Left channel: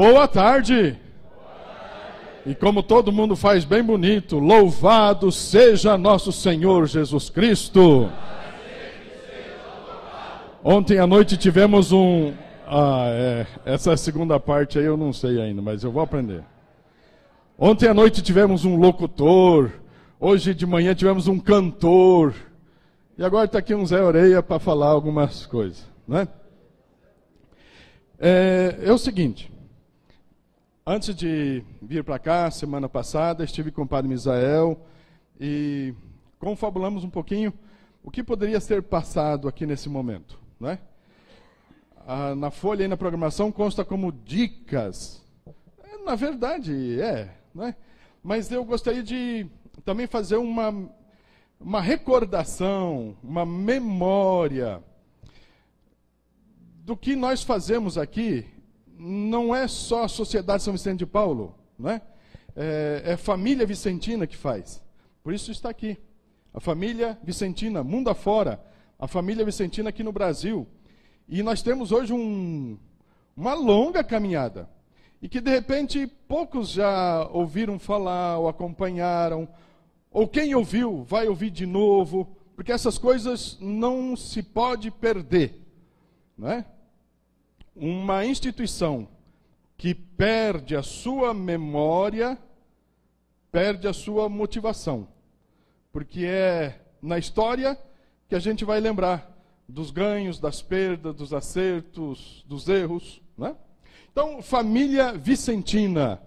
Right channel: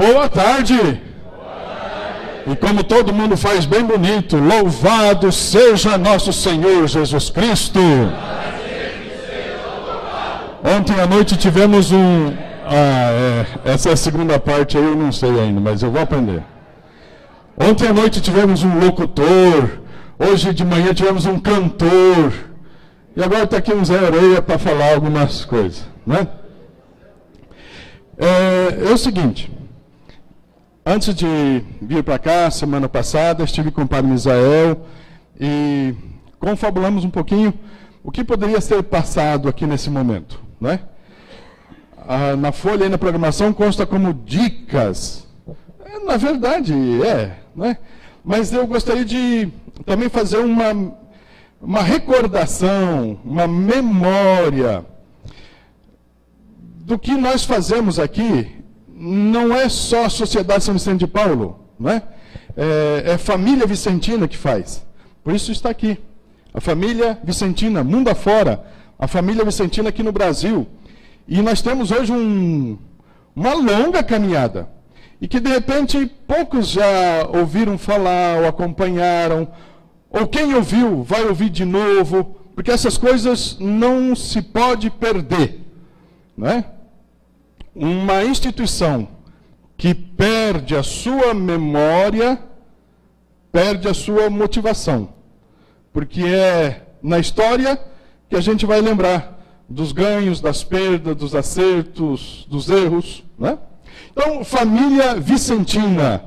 Boa tarde! E como todo mundo faz bem bonito, louvado seja nosso Senhor Jesus Cristo! Ontem à noite tivemos essa segunda parte aí eu não sei ainda, mas eu vou aprender. Ontem à noite tivemos um locutor, hoje de manhã tivemos um cantor, e agora está aqui um Zé Areia para falar algumas coisas, né? É o seguinte, antes de vir para cá, semana passada, estive com o Padre Misael e confabulamos um pouquinho o que poderia ser passado aqui nesse momento, né? Na folha aí na programação consta como dicas, na verdade né? Mas eu gostaria de também fazer uma recordação, uma memória do que nós fazemos aqui. Não é só a Sociedade São Vicente de Paulo, né? É a família vicentina que faz. Por isso está aqui. A família vicentina, mundo afora. A família vicentina aqui no Brasil. E nós temos hoje uma longa caminhada. E que, de repente, poucos já ouviram falar ou acompanharam. Ou quem ouviu, vai ouvir de novo. Porque essas coisas não se pode perder, né? Uma instituição que perde a sua memória, perde a sua motivação. Porque é na história que a gente vai lembrar dos ganhos, das perdas, dos acertos, dos erros, né? Então, família vicentina.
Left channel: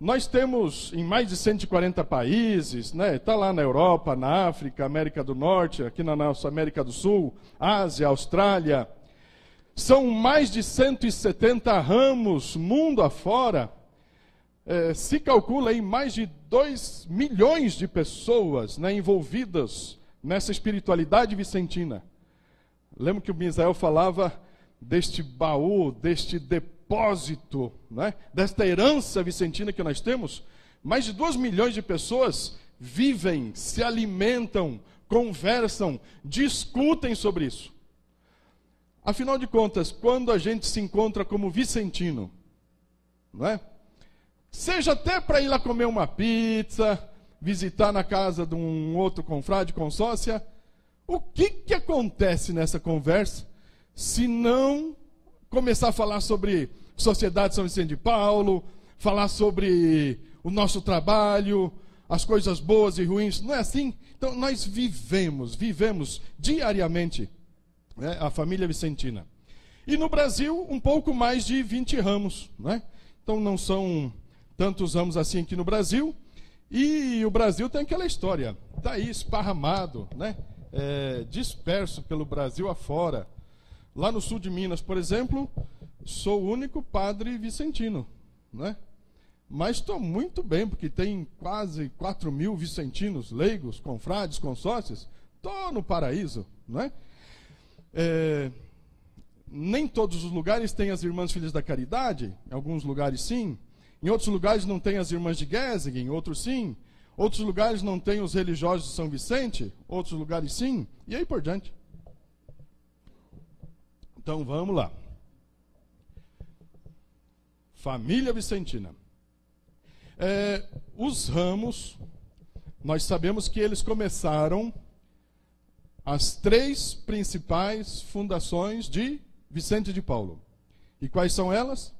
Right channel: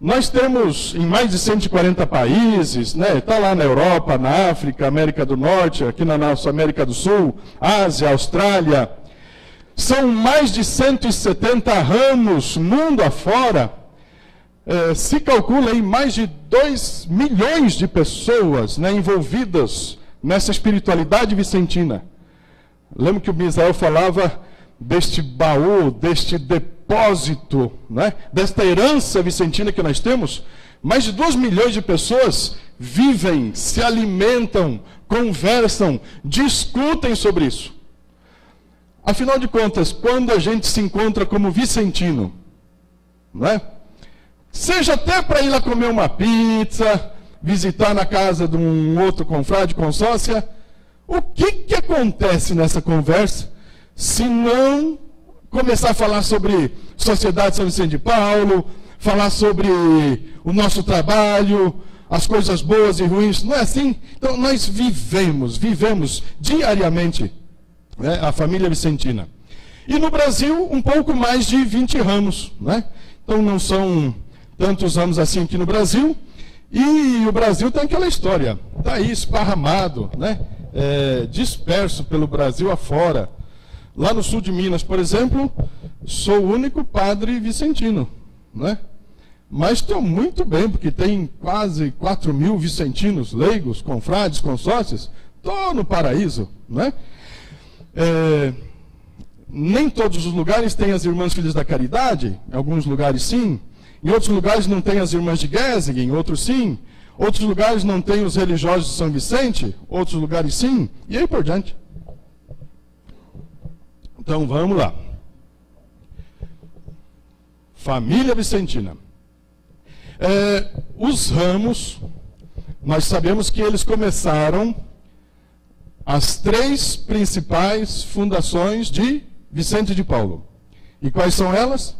Nós temos em mais de 140 países, né? Está lá na Europa, na África, América do Norte, aqui na nossa América do Sul, Ásia, Austrália. São mais de 170 ramos, mundo afora. Se calcula aí mais de 2 milhões de pessoas, né, envolvidas nessa espiritualidade vicentina. Lembro que o Misael falava deste baú, deste depósito, né, desta herança vicentina que nós temos. Mais de 2 milhões de pessoas vivem, se alimentam, conversam, discutem sobre isso. Afinal de contas, quando a gente se encontra como vicentino, né? Seja até para ir lá comer uma pizza, visitar na casa de um outro confrade, consórcia, o que acontece nessa conversa se não começar a falar sobre Sociedade São Vicente de Paulo, falar sobre o nosso trabalho, as coisas boas e ruins? Não é assim? Então nós vivemos diariamente, né, a família vicentina. E no Brasil, um pouco mais de 20 ramos, né? Então não são tantos anos assim aqui no Brasil. E o Brasil tem aquela história, está aí esparramado, né? Disperso pelo Brasil afora. Lá no sul de Minas, por exemplo, sou o único padre vicentino, né? Mas estou muito bem, porque tem quase 4.000 vicentinos, leigos, confrades, consórcios. Estou no paraíso, né? Nem todos os lugares têm as Irmãs Filhas da Caridade, em alguns lugares sim, em outros lugares não tem as Irmãs de Guézig, em outros sim, outros lugares não tem os religiosos de São Vicente, outros lugares sim, e aí por diante. Então vamos lá. Família vicentina. Os ramos, nós sabemos que eles começaram as 3 principais fundações de Vicente de Paulo. E quais são elas?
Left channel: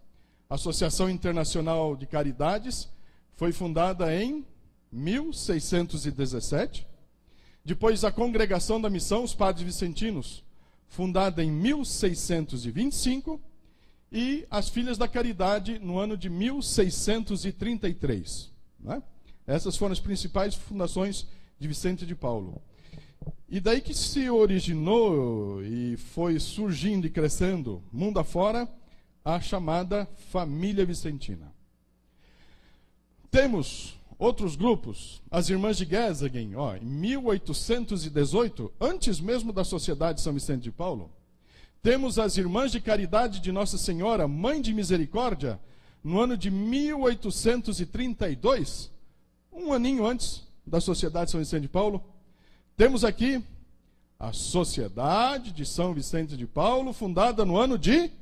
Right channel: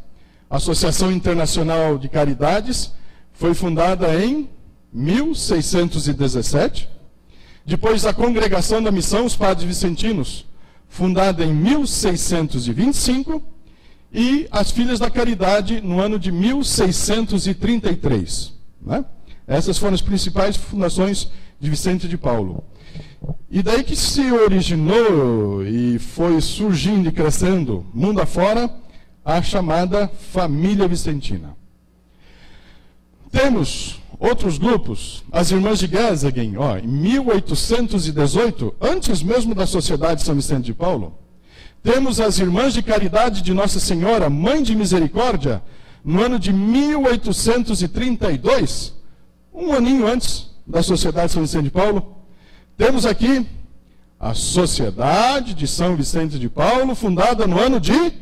A Associação Internacional de Caridades foi fundada em 1617. Depois a Congregação da Missão, os Padres Vicentinos, fundada em 1625. E as Filhas da Caridade no ano de 1633. Né? Essas foram as principais fundações de Vicente de Paulo. E daí que se originou e foi surgindo e crescendo, mundo afora, a chamada família vicentina. Temos outros grupos, as Irmãs de Guézig, em 1818, antes mesmo da Sociedade São Vicente de Paulo. Temos as Irmãs de Caridade de Nossa Senhora, Mãe de Misericórdia, no ano de 1832, um aninho antes da Sociedade São Vicente de Paulo. Temos aqui a Sociedade de São Vicente de Paulo, fundada no ano de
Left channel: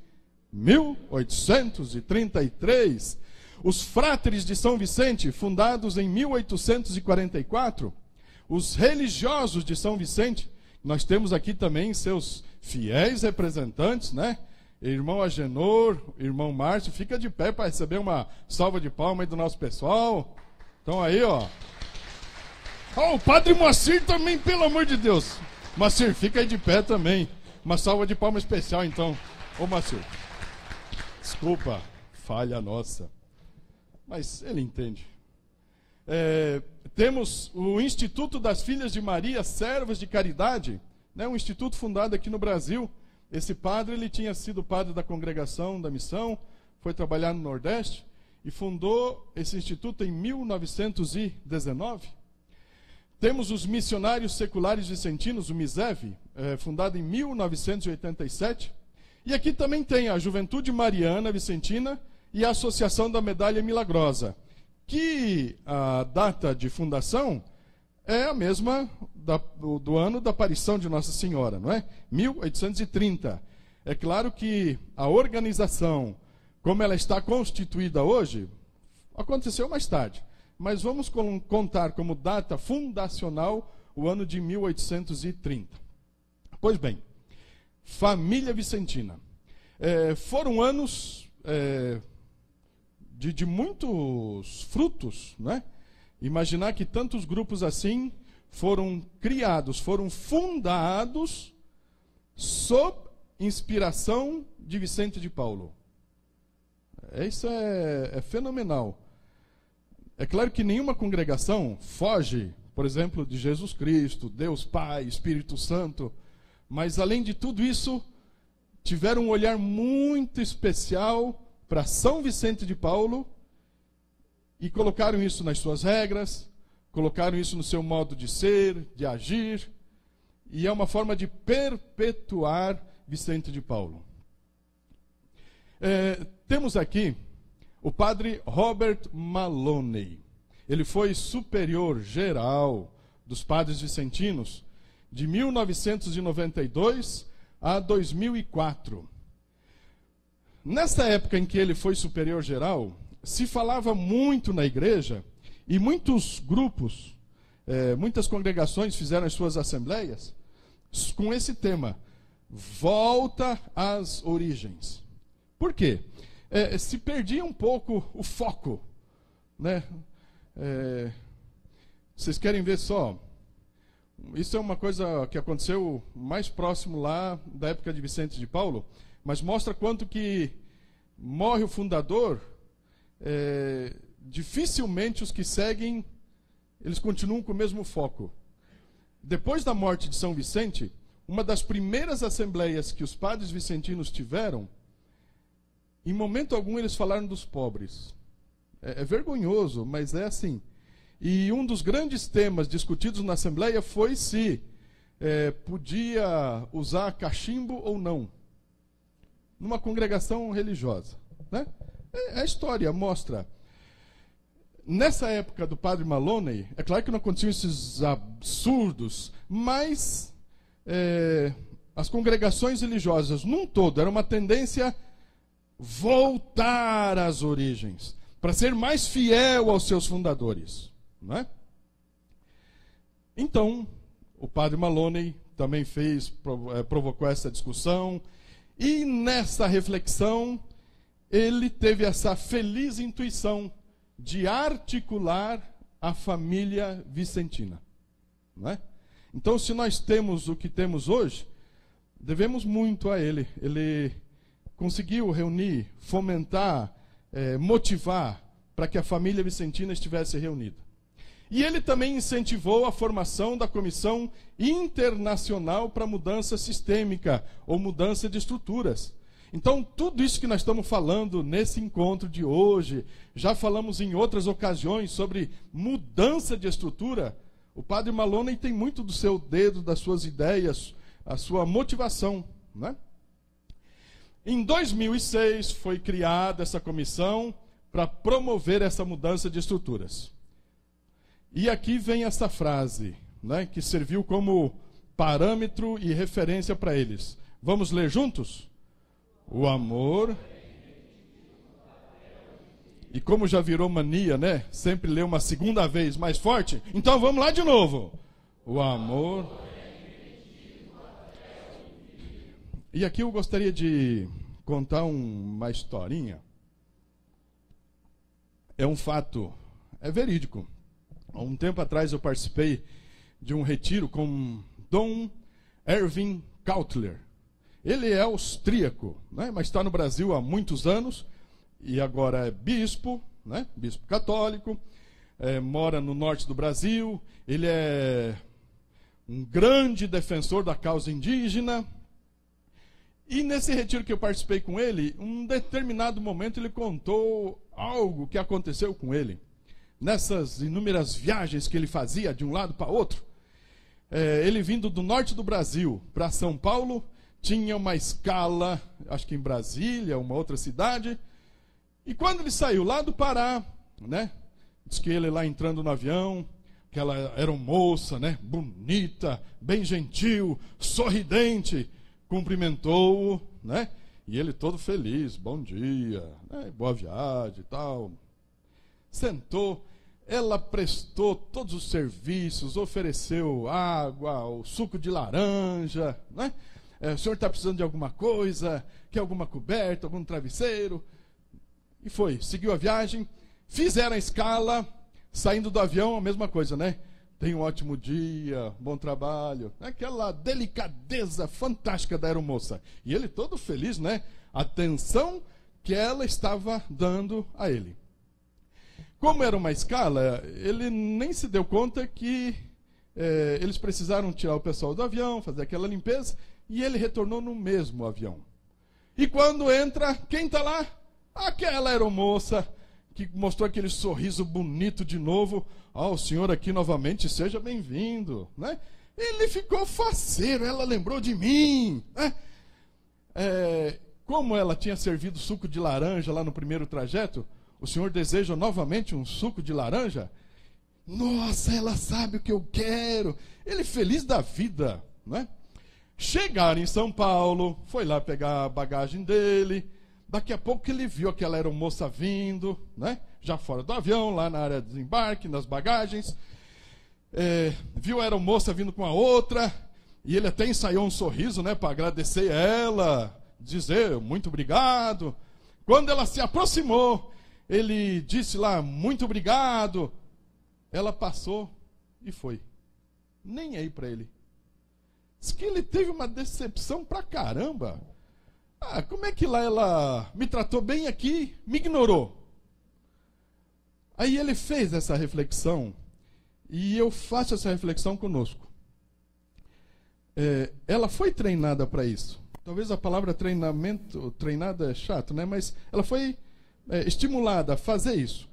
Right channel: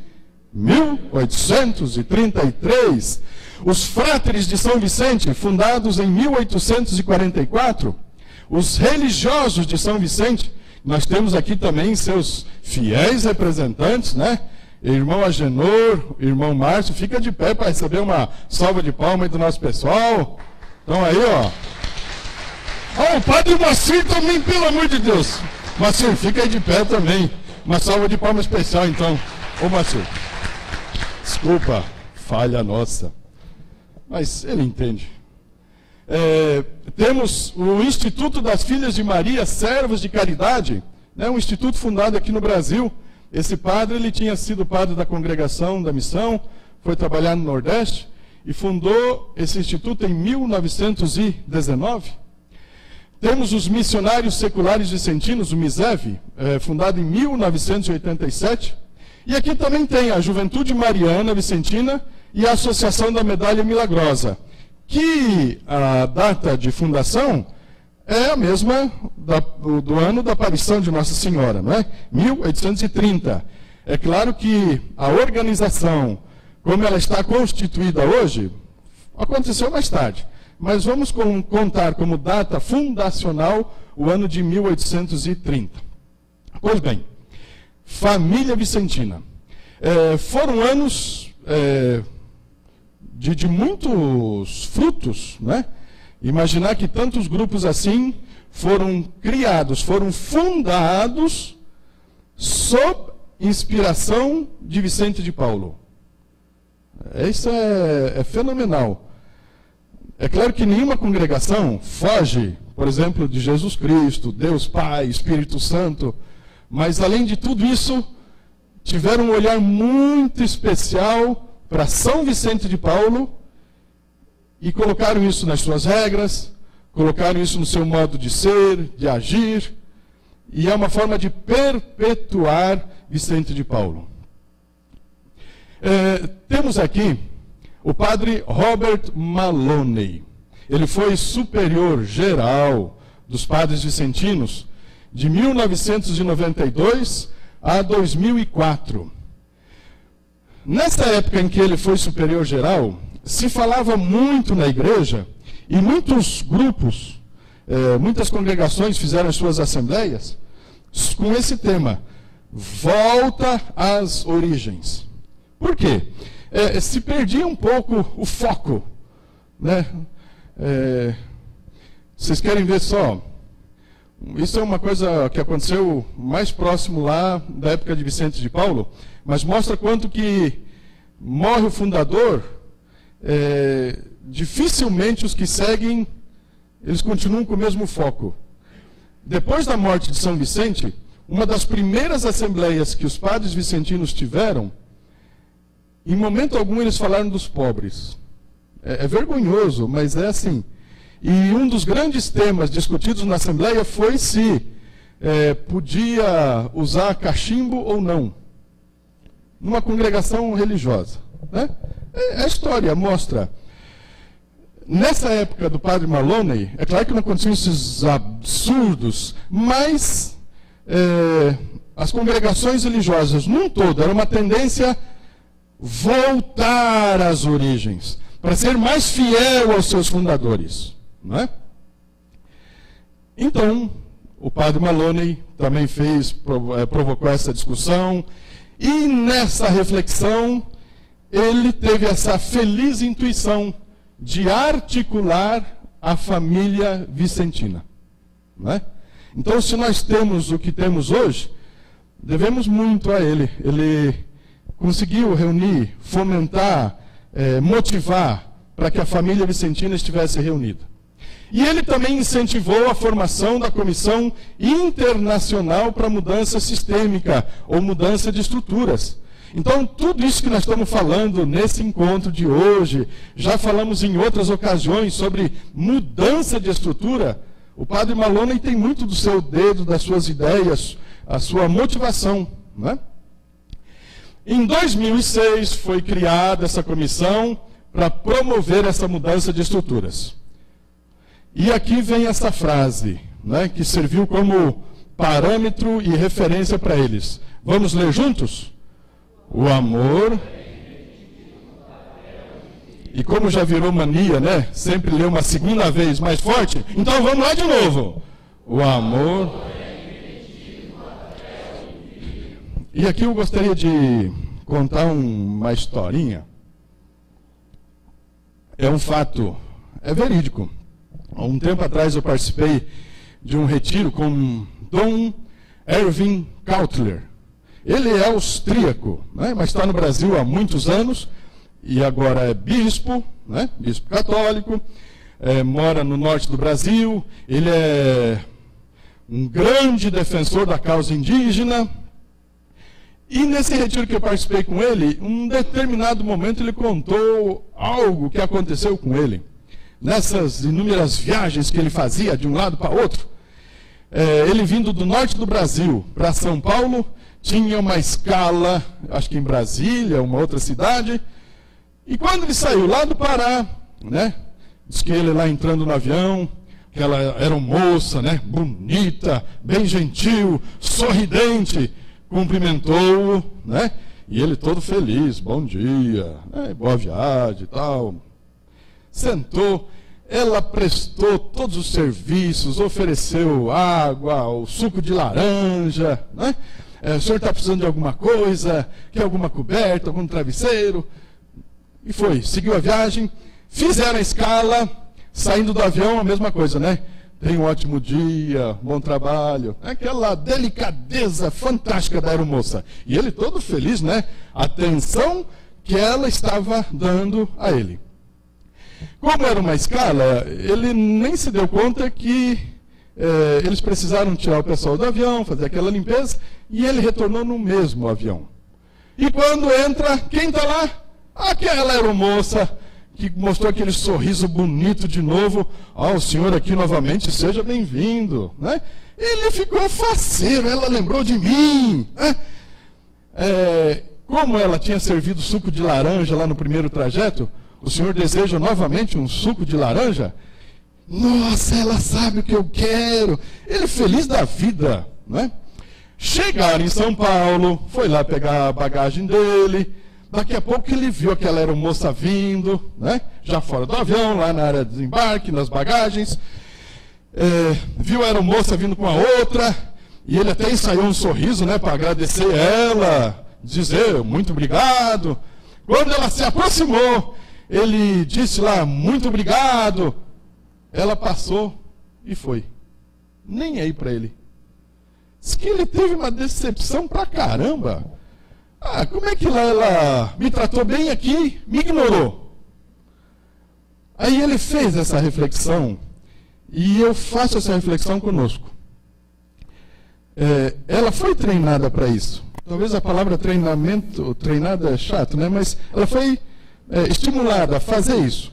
1833. Os Fráteres de São Vicente, fundados em 1844. Os Religiosos de São Vicente, nós temos aqui também seus fiéis representantes, né? Irmão Agenor, irmão Márcio, fica de pé para receber uma salva de palmas do nosso pessoal. Então aí, ó. Ó, o Padre Moacir também, pelo amor de Deus. Moacir, fica aí de pé também. Uma salva de palmas especial, então. Ô, Moacir. Desculpa, falha nossa. Mas ele entende. Temos o Instituto das Filhas de Maria, Servas de Caridade, né, um instituto fundado aqui no Brasil. Esse padre, ele tinha sido padre da congregação da missão, foi trabalhar no Nordeste e fundou esse instituto em 1919. Temos os Missionários Seculares Vicentinos, o MISEV, fundado em 1987. E aqui também tem a Juventude Mariana Vicentina e a Associação da Medalha Milagrosa, que a data de fundação é a mesma do ano da aparição de Nossa Senhora, não é? 1830. É claro que a organização, como ela está constituída hoje, aconteceu mais tarde. Mas vamos contar como data fundacional o ano de 1830. Pois bem, família vicentina. Foram anos de muitos frutos, né? Imaginar que tantos grupos assim foram criados, foram fundados sob inspiração de Vicente de Paulo. Isso é fenomenal. É claro que nenhuma congregação foge, por exemplo, de Jesus Cristo, Deus Pai, Espírito Santo, mas além de tudo isso, tiveram um olhar muito especial para São Vicente de Paulo e colocaram isso nas suas regras, colocaram isso no seu modo de ser, de agir, e é uma forma de perpetuar Vicente de Paulo. Temos aqui o padre Robert Maloney. Ele foi superior geral dos padres vicentinos de 1992 a 2004. Nessa época em que ele foi superior geral, se falava muito na igreja, e muitos grupos, muitas congregações fizeram as suas assembleias com esse tema: volta às origens. Por quê? Se perdia um pouco o foco, né? Vocês querem ver só? Isso é uma coisa que aconteceu mais próximo lá da época de Vicente de Paulo, mas mostra quanto que morre o fundador, dificilmente os que seguem, eles continuam com o mesmo foco. Depois da morte de São Vicente, uma das primeiras assembleias que os padres vicentinos tiveram, em momento algum eles falaram dos pobres. É vergonhoso, mas é assim. E um dos grandes temas discutidos na assembleia foi se podia usar cachimbo ou não, numa congregação religiosa, né? A história mostra. Nessa época do padre Maloney, é claro que não aconteciam esses absurdos, mas as congregações religiosas, num todo, era uma tendência voltar às origens, para ser mais fiel aos seus fundadores, não é? Então, o padre Maloney também provocou essa discussão, e nessa reflexão, ele teve essa feliz intuição de articular a família vicentina, não é? Então, se nós temos o que temos hoje, devemos muito a ele. Ele conseguiu reunir, fomentar, motivar para que a família vicentina estivesse reunida. E ele também incentivou a formação da Comissão Internacional para Mudança Sistêmica, ou mudança de estruturas. Então, tudo isso que nós estamos falando nesse encontro de hoje, já falamos em outras ocasiões sobre mudança de estrutura, o padre Maloney tem muito do seu dedo, das suas ideias, a sua motivação, né? Em 2006 foi criada essa comissão para promover essa mudança de estruturas. E aqui vem essa frase, né, que serviu como parâmetro e referência para eles. Vamos ler juntos? O amor. E como já virou mania, né? Sempre ler uma segunda vez mais forte. Então vamos lá de novo. O amor. E aqui eu gostaria de contar uma historinha. É um fato, é verídico. Há um tempo atrás eu participei de um retiro com Dom Erwin Cautler. Ele é austríaco, né? Mas está no Brasil há muitos anos. E agora é bispo, né? Bispo católico, mora no norte do Brasil. Ele é um grande defensor da causa indígena. E nesse retiro que eu participei com ele, em um determinado momento ele contou algo que aconteceu com ele. Nessas inúmeras viagens que ele fazia de um lado para outro, ele vindo do norte do Brasil para São Paulo, tinha uma escala, acho que em Brasília, uma outra cidade. E quando ele saiu lá do Pará, né, diz que ele lá entrando no avião, que ela era uma moça, né, bonita, bem gentil, sorridente, cumprimentou-o, né, e ele todo feliz, bom dia, né, boa viagem e tal. Sentou, ela prestou todos os serviços, ofereceu água, o suco de laranja, né, o senhor está precisando de alguma coisa, quer alguma coberta, algum travesseiro? E foi, seguiu a viagem, fizeram a escala, saindo do avião, a mesma coisa, né? Tenha um ótimo dia, bom trabalho. Aquela delicadeza fantástica da aeromoça. E ele todo feliz, né? A atenção que ela estava dando a ele. Como era uma escala, ele nem se deu conta que eles precisaram tirar o pessoal do avião, fazer aquela limpeza, e ele retornou no mesmo avião. E quando entra, quem está lá? Aquela aeromoça que mostrou aquele sorriso bonito de novo. O senhor aqui novamente, seja bem-vindo, né? Ele ficou faceiro, ela lembrou de mim, né? Como ela tinha servido suco de laranja lá no primeiro trajeto, o senhor deseja novamente um suco de laranja? Nossa, ela sabe o que eu quero. Ele feliz da vida, né? Chegaram em São Paulo, foi lá pegar a bagagem dele. Daqui a pouco ele viu aquela aeromoça vindo, né? Já fora do avião, lá na área de desembarque, nas bagagens. Viu a aeromoça vindo com a outra, e ele até ensaiou um sorriso, né, para agradecer ela, dizer muito obrigado. Quando ela se aproximou, ele disse lá, muito obrigado. Ela passou e foi. Nem aí para ele. Diz que ele teve uma decepção pra caramba. Como é que lá ela me tratou bem aqui, me ignorou? Aí ele fez essa reflexão, e eu faço essa reflexão conosco. Ela foi treinada para isso. Talvez a palavra treinamento, treinada é chato, né? Mas ela foi estimulada a fazer isso.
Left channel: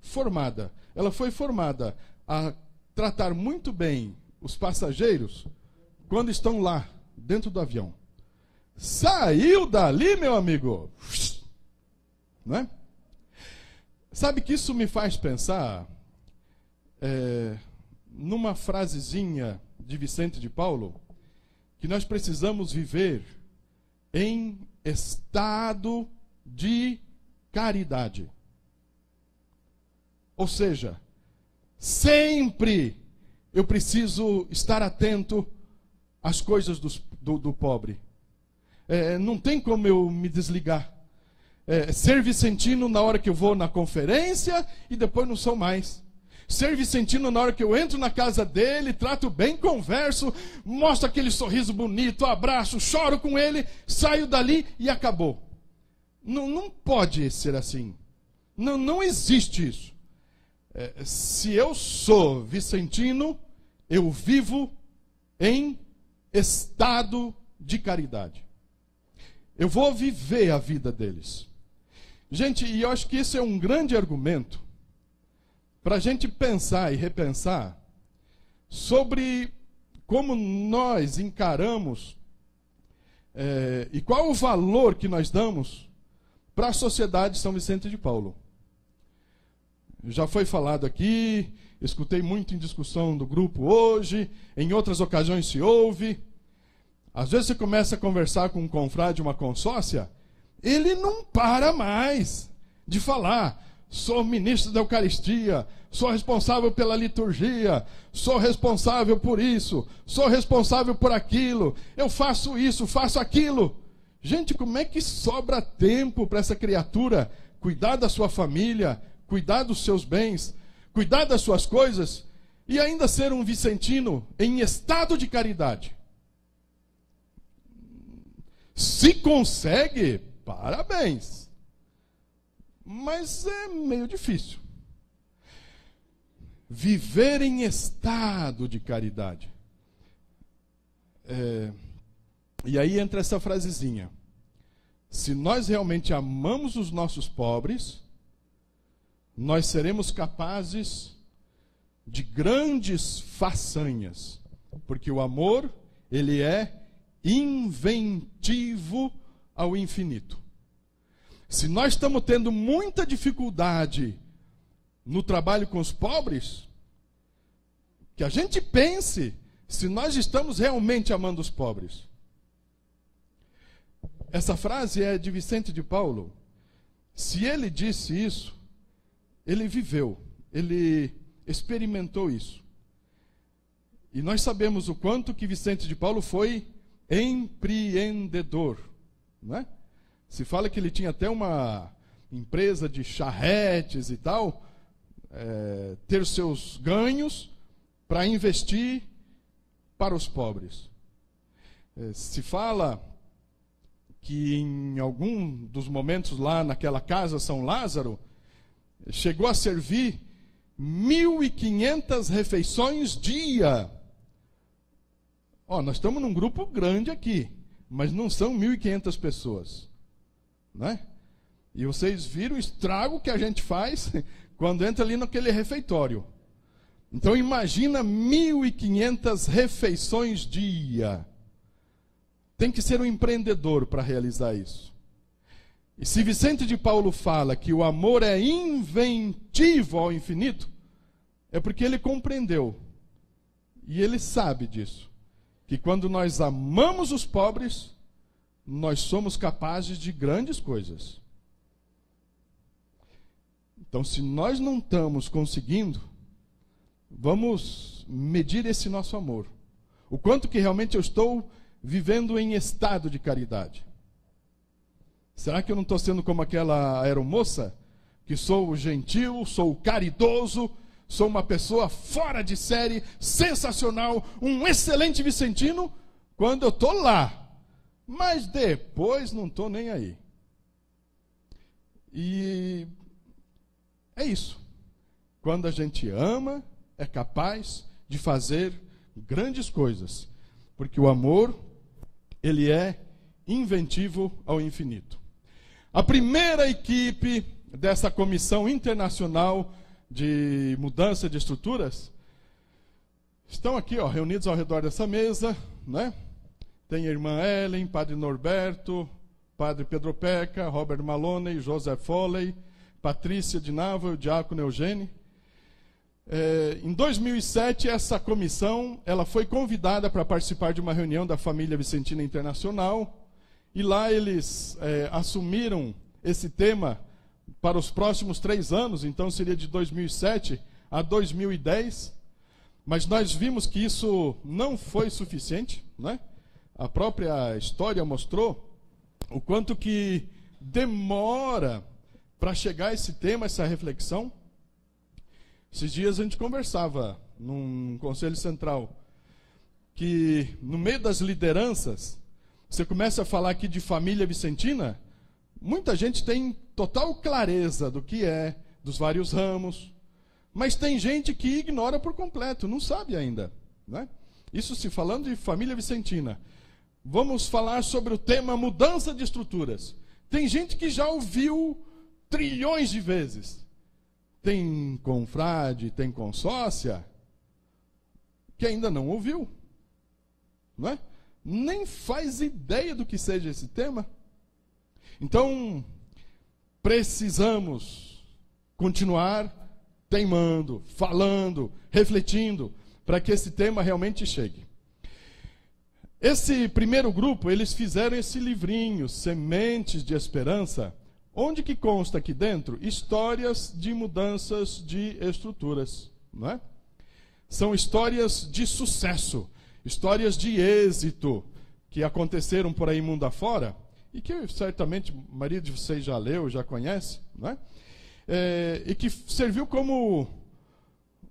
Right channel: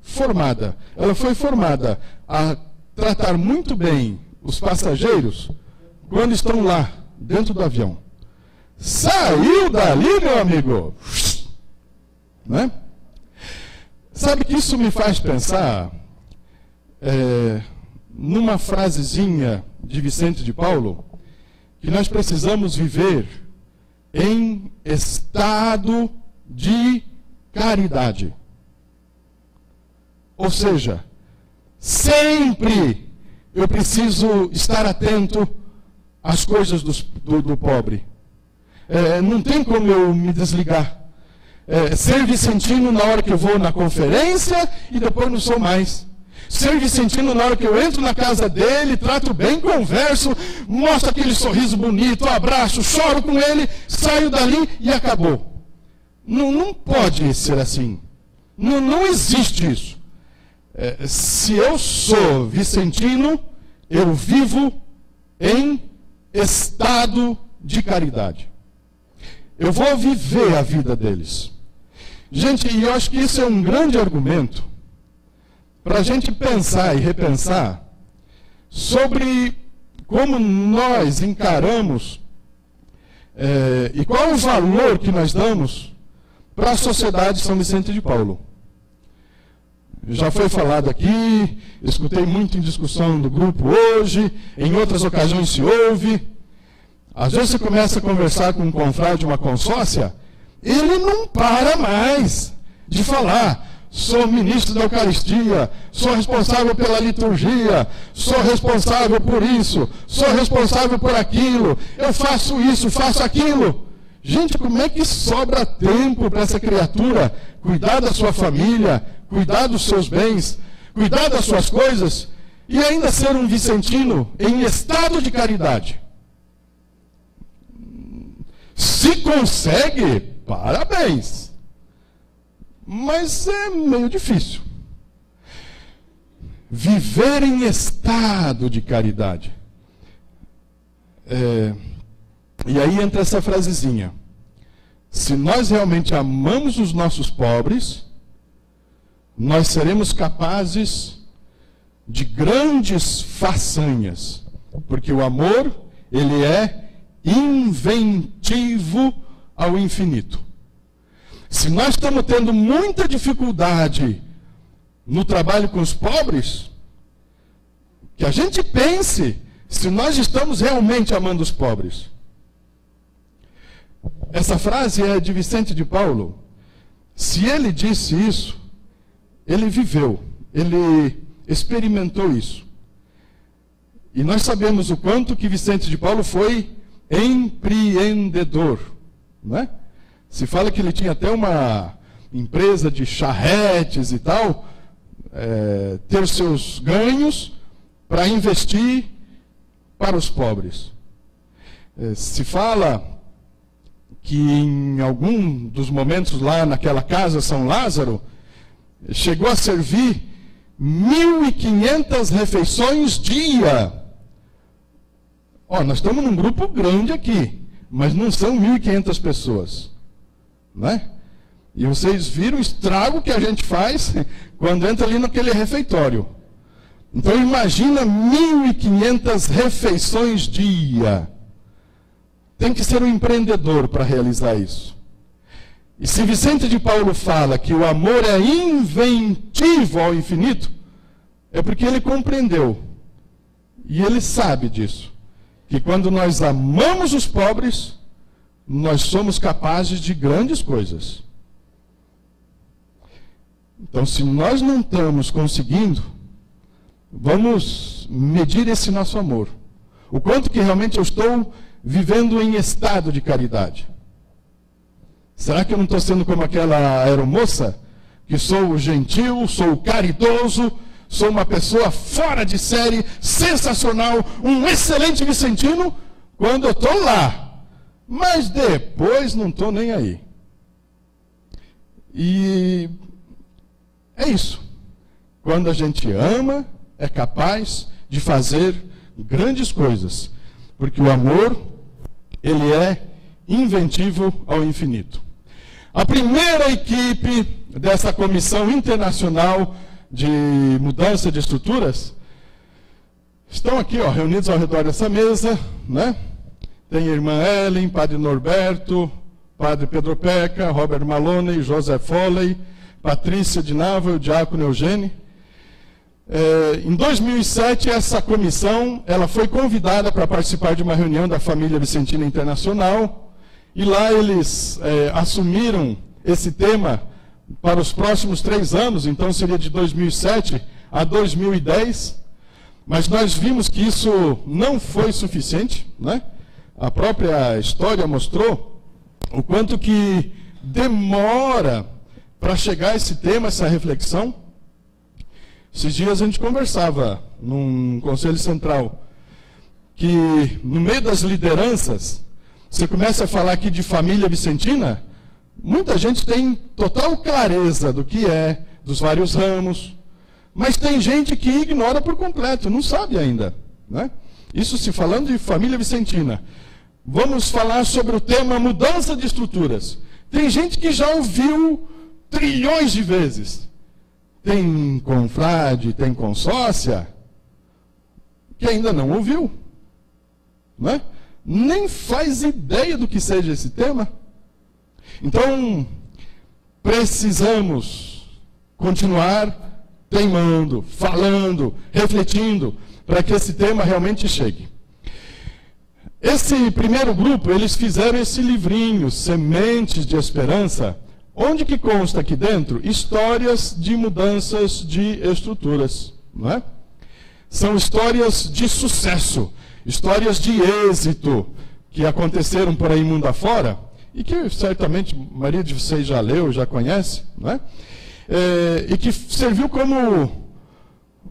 Formada. Ela foi formada a tratar muito bem os passageiros quando estão lá, dentro do avião. Saiu dali, meu amigo, né? Sabe que isso me faz pensar numa frasezinha de Vicente de Paulo, que nós precisamos viver em estado de caridade. Ou seja, sempre eu preciso estar atento às coisas do pobre. Não tem como eu me desligar. Ser vicentino na hora que eu vou na conferência e depois não sou mais. Ser vicentino na hora que eu entro na casa dele, trato bem, converso, mostro aquele sorriso bonito, abraço, choro com ele, saio dali e acabou. Não pode ser assim. Não existe isso. Se eu sou vicentino, eu vivo em estado de caridade. Eu vou viver a vida deles. Gente, e eu acho que isso é um grande argumento para a gente pensar e repensar sobre como nós encaramos e qual o valor que nós damos para a sociedade São Vicente de Paulo. Já foi falado aqui, escutei muito em discussão do grupo hoje, em outras ocasiões se ouve. Às vezes você começa a conversar com um confrade, uma consórcia, ele não para mais de falar: sou ministro da Eucaristia, sou responsável pela liturgia, sou responsável por isso, sou responsável por aquilo, eu faço isso, faço aquilo. Gente, como é que sobra tempo para essa criatura cuidar da sua família, cuidar dos seus bens, cuidar das suas coisas e ainda ser um vicentino em estado de caridade? Se consegue, parabéns. Mas é meio difícil. Viver em estado de caridade. E aí entra essa frasezinha: se nós realmente amamos os nossos pobres, nós seremos capazes de grandes façanhas, porque o amor, ele é inventivo ao infinito. Se nós estamos tendo muita dificuldade no trabalho com os pobres, que a gente pense se nós estamos realmente amando os pobres. Essa frase é de Vicente de Paulo. Se ele disse isso, ele viveu, ele experimentou isso. E nós sabemos o quanto que Vicente de Paulo foi empreendedor, né? Se fala que ele tinha até uma empresa de charretes e tal, ter seus ganhos para investir para os pobres. Se fala que em algum dos momentos lá naquela casa São Lázaro, chegou a servir 1.500 refeições dia. Nós estamos num grupo grande aqui, mas não são 1.500 pessoas, não é? E vocês viram o estrago que a gente faz quando entra ali naquele refeitório. Então imagina 1.500 refeições dia. Tem que ser um empreendedor para realizar isso. E se Vicente de Paulo fala que o amor é inventivo ao infinito, é porque ele compreendeu. E ele sabe disso. Que quando nós amamos os pobres, nós somos capazes de grandes coisas. Então, se nós não estamos conseguindo, vamos medir esse nosso amor. O quanto que realmente eu estou vivendo em estado de caridade. Será que eu não estou sendo como aquela aeromoça? Que sou gentil, sou caridoso, sou uma pessoa fora de série, sensacional, um excelente vicentino, quando eu estou lá. Mas depois não estou nem aí. E é isso. Quando a gente ama, é capaz de fazer grandes coisas. Porque o amor, ele é inventivo ao infinito. A primeira equipe dessa comissão internacional de mudança de estruturas estão aqui, reunidos ao redor dessa mesa, né? Tem a irmã Ellen, Padre Norberto, Padre Pedro Peca, Robert Maloney, José Foley, Patrícia de Nava e o diácono Eugênio. Em 2007, essa comissão ela foi convidada para participar de uma reunião da Família Vicentina Internacional, e lá eles assumiram esse tema para os próximos 3 anos, então seria de 2007 a 2010, mas nós vimos que isso não foi suficiente, né? A própria história mostrou o quanto que demora para chegar a esse tema, essa reflexão. Esses dias a gente conversava num conselho central, que no meio das lideranças, você começa a falar aqui de família vicentina, muita gente tem total clareza do que é, dos vários ramos, mas tem gente que ignora por completo, não sabe ainda, né? Isso se falando de família vicentina. Vamos falar sobre o tema mudança de estruturas. Tem gente que já ouviu trilhões de vezes. Tem confrade, tem consórcia, que ainda não ouviu, não é? Nem faz ideia do que seja esse tema. Então, precisamos continuar teimando, falando, refletindo, para que esse tema realmente chegue. Esse primeiro grupo, eles fizeram esse livrinho, Sementes de Esperança, onde que consta aqui dentro histórias de mudanças de estruturas, não é? São histórias de sucesso, histórias de êxito, que aconteceram por aí mundo afora, e que certamente a maioria de vocês já leu, já conhece, não é? E que serviu como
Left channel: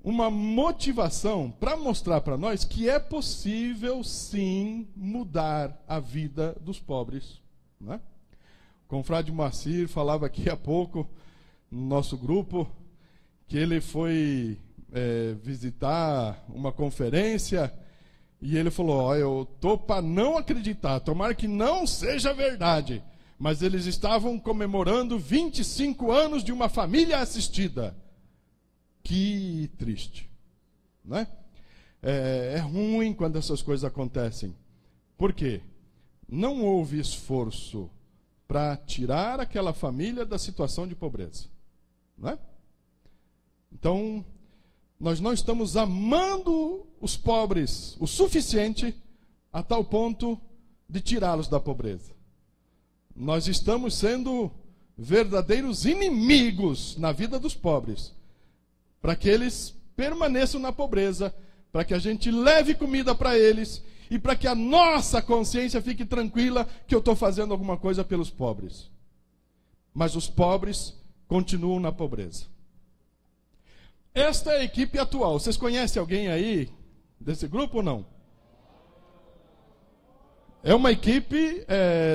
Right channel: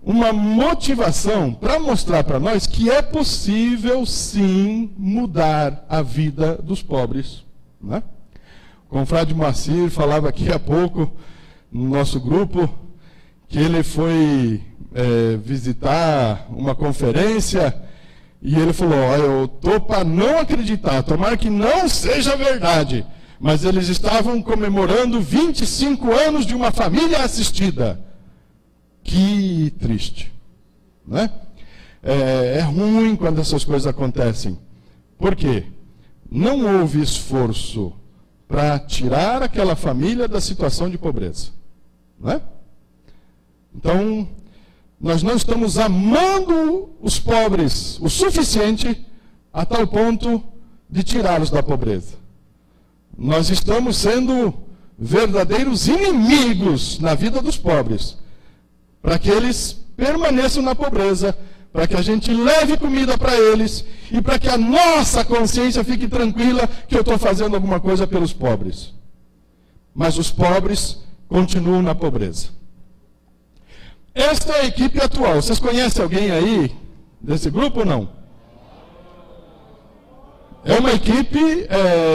uma motivação para mostrar para nós que é possível, sim, mudar a vida dos pobres, não é? O confrade Moacir falava aqui há pouco, no nosso grupo, que ele foi visitar uma conferência e ele falou, eu estou para não acreditar, tomara que não seja verdade, mas eles estavam comemorando 25 anos de uma família assistida. Que triste, né? É ruim quando essas coisas acontecem. Por quê? Não houve esforço para tirar aquela família da situação de pobreza, né? Então, nós não estamos amando os pobres o suficiente a tal ponto de tirá-los da pobreza. Nós estamos sendo verdadeiros inimigos na vida dos pobres, para que eles permaneçam na pobreza, para que a gente leve comida para eles e para que a nossa consciência fique tranquila que eu estou fazendo alguma coisa pelos pobres. Mas os pobres continuam na pobreza. Esta é a equipe atual. Vocês conhecem alguém aí desse grupo ou não? É uma equipe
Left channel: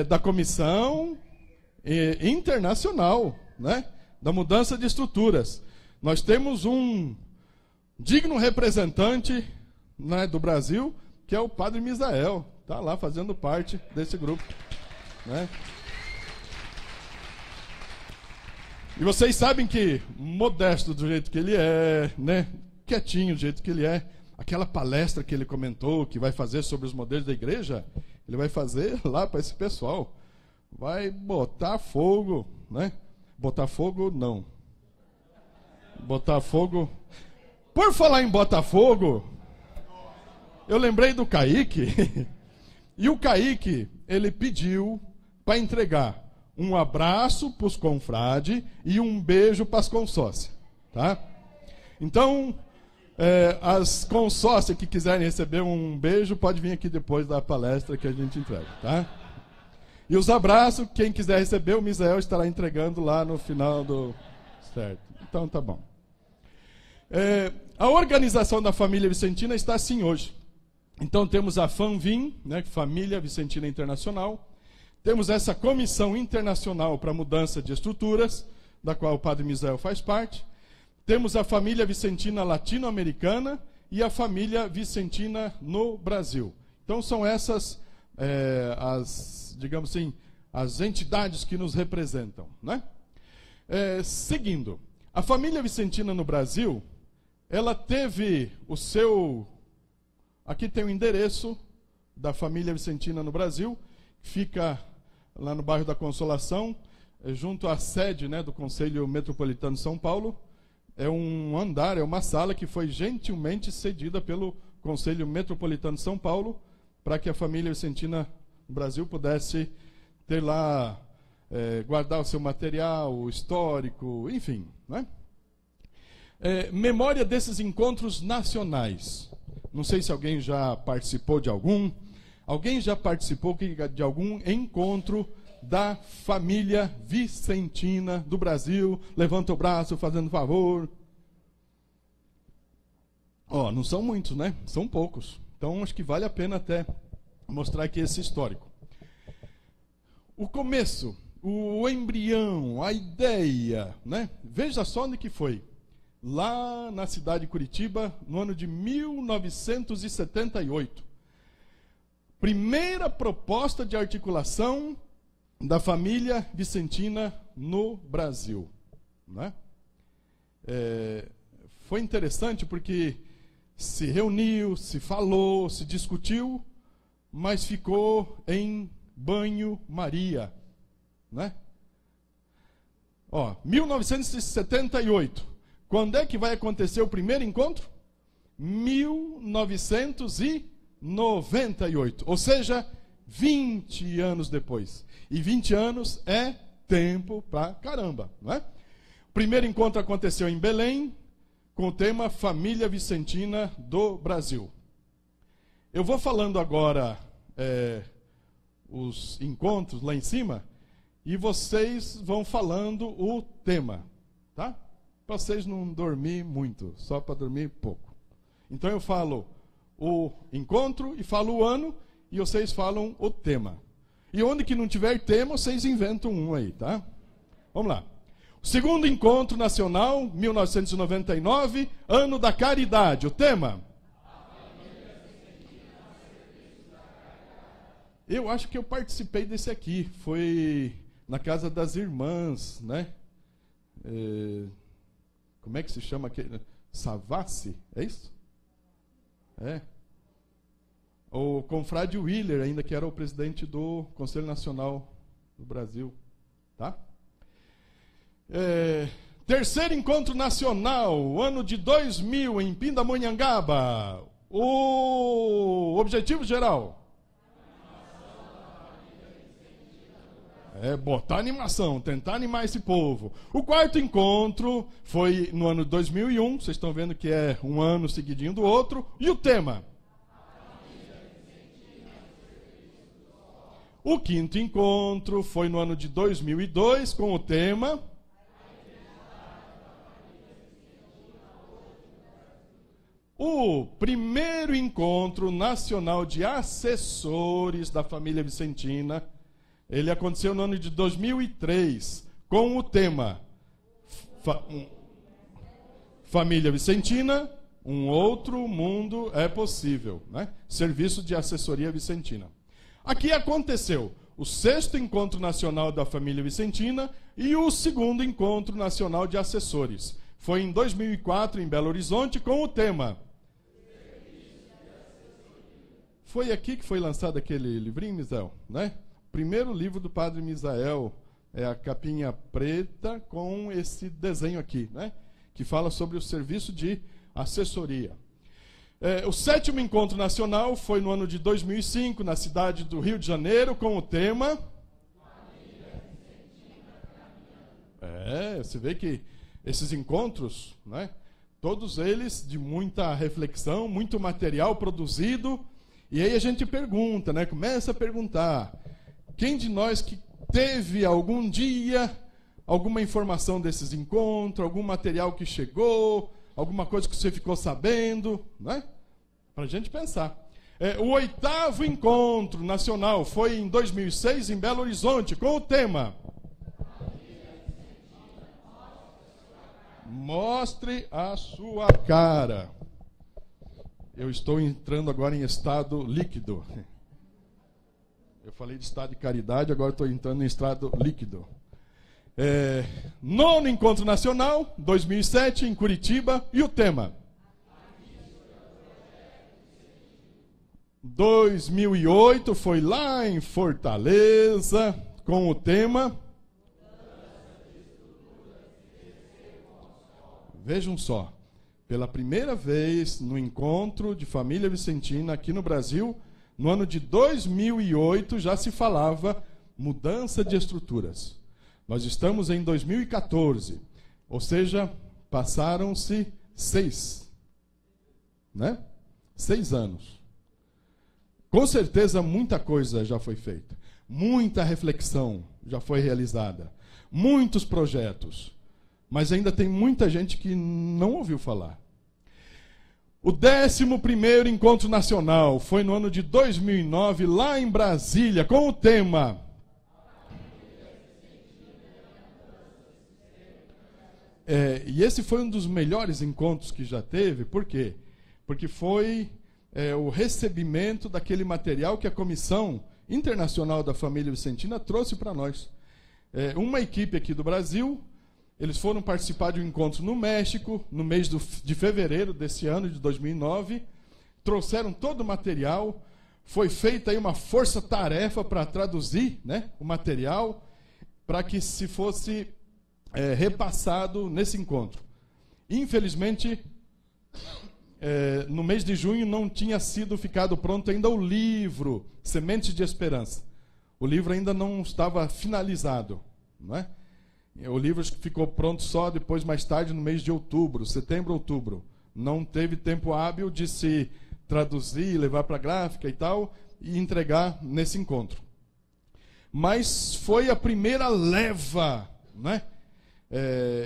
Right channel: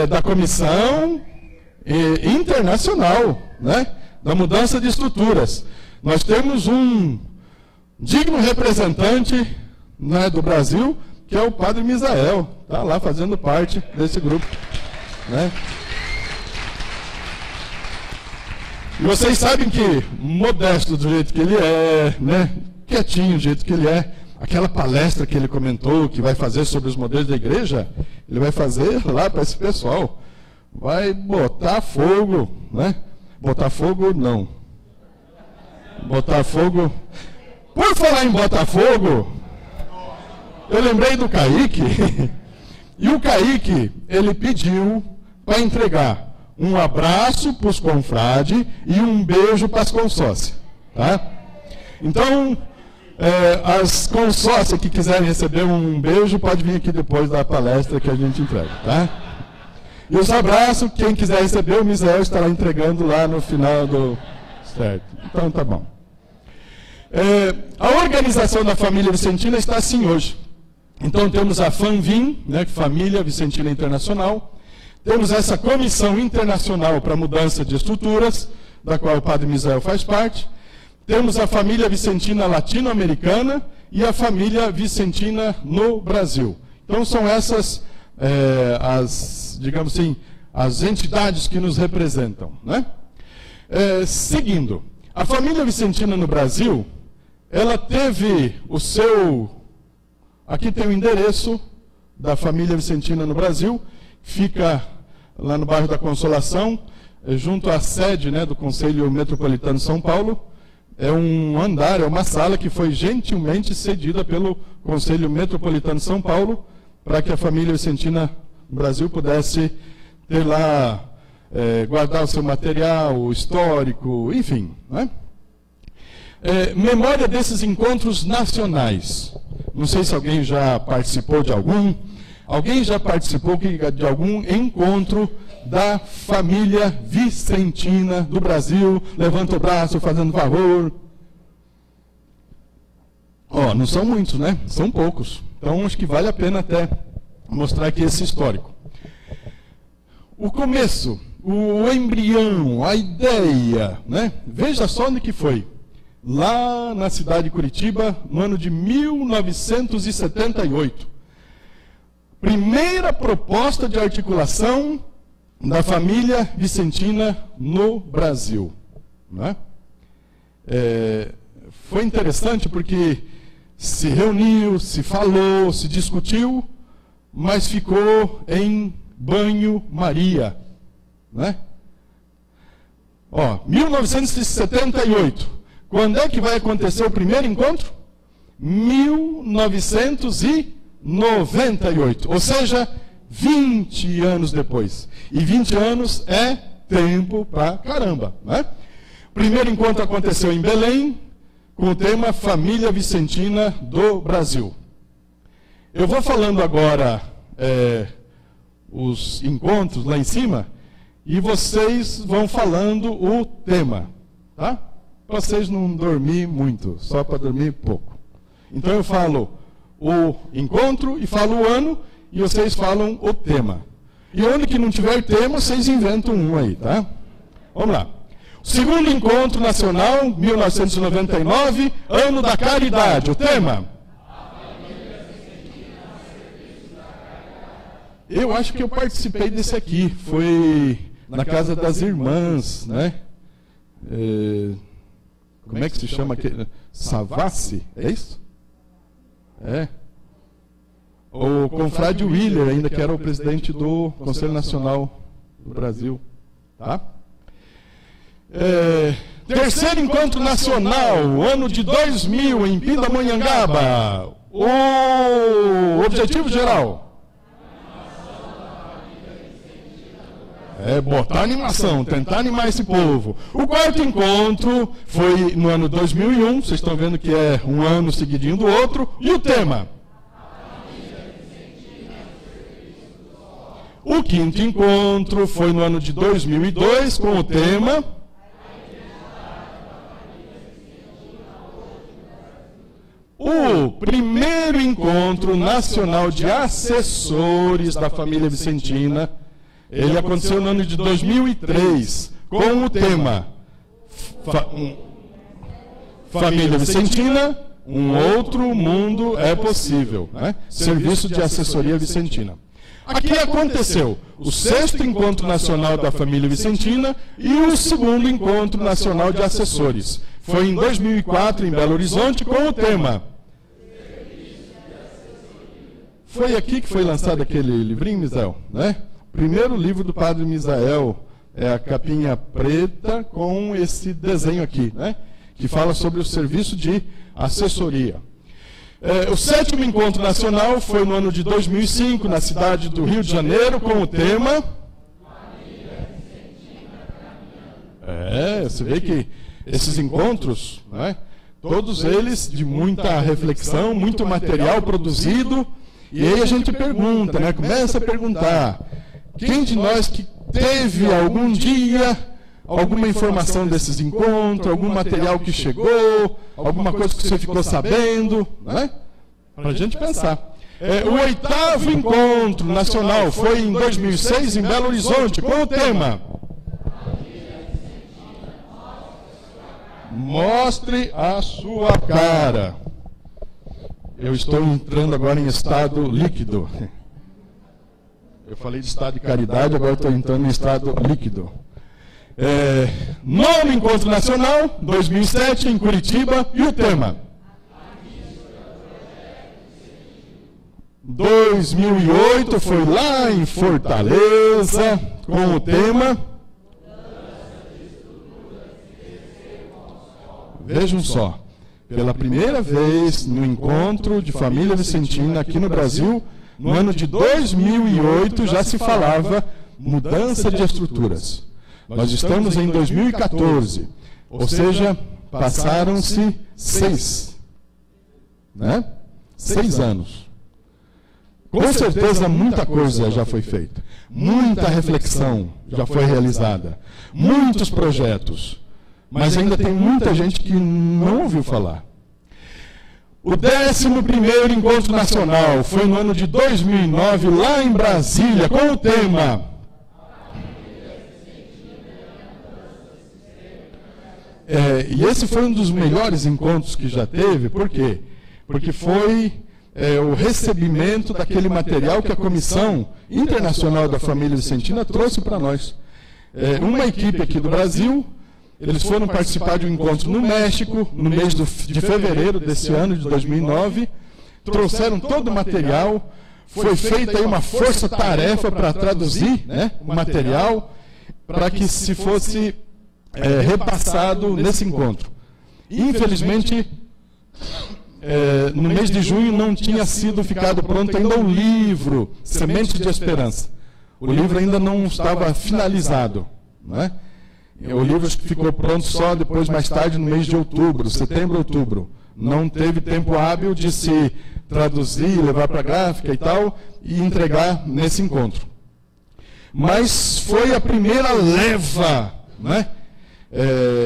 da comissão internacional, né, da mudança de estruturas. Nós temos um digno representante, né, do Brasil, que é o padre Misael. Está lá fazendo parte desse grupo, né? E vocês sabem que, modesto do jeito que ele é, né, quietinho do jeito que ele é, aquela palestra que ele comentou, que vai fazer sobre os modelos da igreja, ele vai fazer lá para esse pessoal. Vai botar fogo, né? Botar fogo, não. Botar fogo. Por falar em botar fogo, eu lembrei do Kaique. E o Kaique, ele pediu para entregar um abraço para os confrades e um beijo para as consórcias, tá? Então, as consórcias que quiserem receber um beijo, pode vir aqui depois da palestra que a gente entrega, tá? E os abraços, quem quiser receber, o Misael estará entregando lá no final do... Certo, então tá bom. A organização da família Vicentina está assim hoje. Então temos a FAMVIM, né, Família Vicentina Internacional. Temos essa comissão internacional para mudança de estruturas, da qual o padre Misael faz parte. Temos a família Vicentina latino-americana e a família Vicentina no Brasil. Então são essas digamos assim, as entidades que nos representam, né? Seguindo, a família Vicentina no Brasil, ela teve o seu... Aqui tem o endereço da família Vicentina no Brasil, fica lá no bairro da Consolação, junto à sede, né, do Conselho Metropolitano de São Paulo. É um andar, é uma sala que foi gentilmente cedida pelo Conselho Metropolitano de São Paulo, para que a família Vicentina no Brasil pudesse ter lá, guardar o seu material histórico, enfim, né? Memória desses encontros nacionais. Não sei se alguém já participou de algum. Alguém já participou de algum encontro da família Vicentina do Brasil? Levanta o braço, fazendo favor. Não são muitos, né? São poucos. Então, acho que vale a pena até mostrar aqui esse histórico. O começo, o embrião, a ideia, né? Veja só onde que foi. Lá na cidade de Curitiba, no ano de 1978. Primeira proposta de articulação da família Vicentina no Brasil, né? Foi interessante porque se reuniu, se falou, se discutiu, mas ficou em banho-maria, né? 1978. Quando é que vai acontecer o primeiro encontro? 1980. 98, ou seja, 20 anos depois. E 20 anos é tempo pra caramba, né? O primeiro encontro aconteceu em Belém, com o tema Família Vicentina do Brasil. Eu vou falando agora os encontros lá em cima, e vocês vão falando o tema, tá? Para vocês não dormir muito, só para dormir pouco. Então eu falo o encontro e falo o ano, e vocês falam o tema. E onde que não tiver tema, vocês inventam um aí, tá? Vamos lá. Segundo Encontro Nacional, 1999, Ano da Caridade. O tema? Eu acho que eu participei desse aqui. Foi na Casa das Irmãs, né? Como é que se chama aquele? Savassi, é isso? É. O confrade Willer, ainda que era o presidente do Conselho Nacional do Brasil. Tá? Terceiro Encontro Nacional, ano de 2000, em Pindamonhangaba. O objetivo geral? Botar animação, tentar animar esse povo. O quarto encontro foi no ano 2001, vocês estão vendo que é um ano seguidinho do outro. E o tema? O quinto encontro foi no ano de 2002, com o tema... O primeiro encontro nacional de assessores da família vicentina, ele aconteceu no ano de 2003, com o tema Família Vicentina, um outro mundo é possível, né? Serviço de assessoria vicentina. Aqui aconteceu o sexto encontro nacional da família vicentina e o segundo encontro nacional de assessores. Foi em 2004, em Belo Horizonte, com o tema... Foi aqui que foi lançado aquele livrinho, Misael, né? Primeiro livro do Padre Misael, é a capinha preta com esse desenho aqui, né? Que fala sobre o serviço de assessoria. O sétimo encontro nacional foi no ano de 2005, na cidade do Rio de Janeiro, com o tema... Você vê que esses encontros, né? Todos eles de muita reflexão, muito material produzido. E aí a gente pergunta, né? Começa a perguntar, quem de nós que teve algum dia alguma informação desses encontros, algum material que chegou, alguma coisa que você ficou sabendo, né? Para a gente pensar. O oitavo encontro nacional foi em 2006, em Belo Horizonte, com o tema... Mostre a sua cara. Eu estou entrando agora em estado líquido. Eu falei de estado de caridade, agora estou entrando em estado líquido. Nono Encontro Nacional, 2007, em Curitiba, e o tema? 2008, foi lá em Fortaleza, com o tema... Vejam só. Pela primeira vez no encontro de família vicentina aqui no Brasil, no ano de 2008, já se falava mudança de estruturas. Nós estamos em 2014, ou seja, passaram-se 6 anos. Com certeza muita coisa já foi feita, muita reflexão já foi realizada, muitos projetos. Mas ainda tem muita gente que não ouviu falar. O 11º Encontro Nacional foi no ano de 2009, lá em Brasília, com o tema... E esse foi um dos melhores encontros que já teve. Por quê? Porque foi o recebimento daquele material que a Comissão Internacional da Família Vicentina trouxe para nós. Uma equipe aqui do Brasil... Eles foram participar de um encontro no México, no mês de fevereiro desse ano, de 2009. Trouxeram todo o material. Foi feita aí uma força-tarefa para traduzir, né, o material, para que se fosse repassado nesse encontro. Infelizmente, no mês de junho não tinha sido ficado pronto ainda o livro Semente de Esperança. O livro ainda não estava finalizado, não é? O livro ficou pronto só depois, mais tarde, no mês de outubro, setembro, outubro. Não teve tempo hábil de se traduzir, levar para a gráfica e tal, e entregar nesse encontro. Mas foi a primeira leva, né?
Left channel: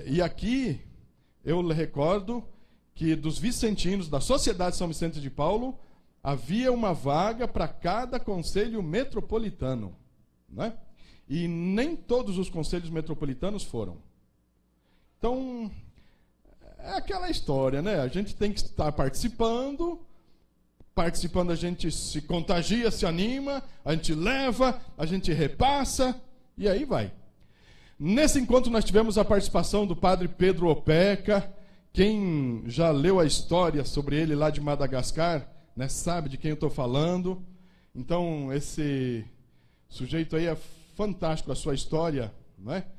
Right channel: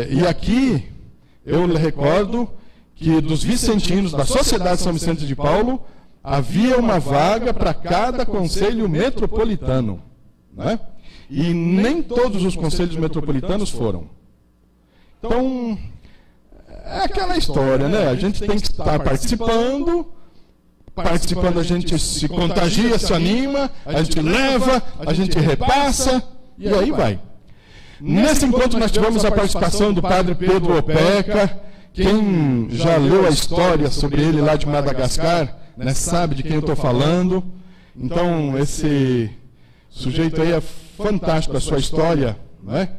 E aqui, eu lhe recordo que dos vicentinos da Sociedade São Vicente de Paulo, havia uma vaga para cada conselho metropolitano, né? E nem todos os conselhos metropolitanos foram. Então, é aquela história, né? A gente tem que estar participando a gente se contagia, se anima, a gente leva, a gente repassa, e aí vai. Nesse encontro nós tivemos a participação do padre Pedro Opeca. Quem já leu a história sobre ele lá de Madagascar, né, sabe de quem eu estou falando. Então, esse sujeito aí é fantástico, a sua história, né?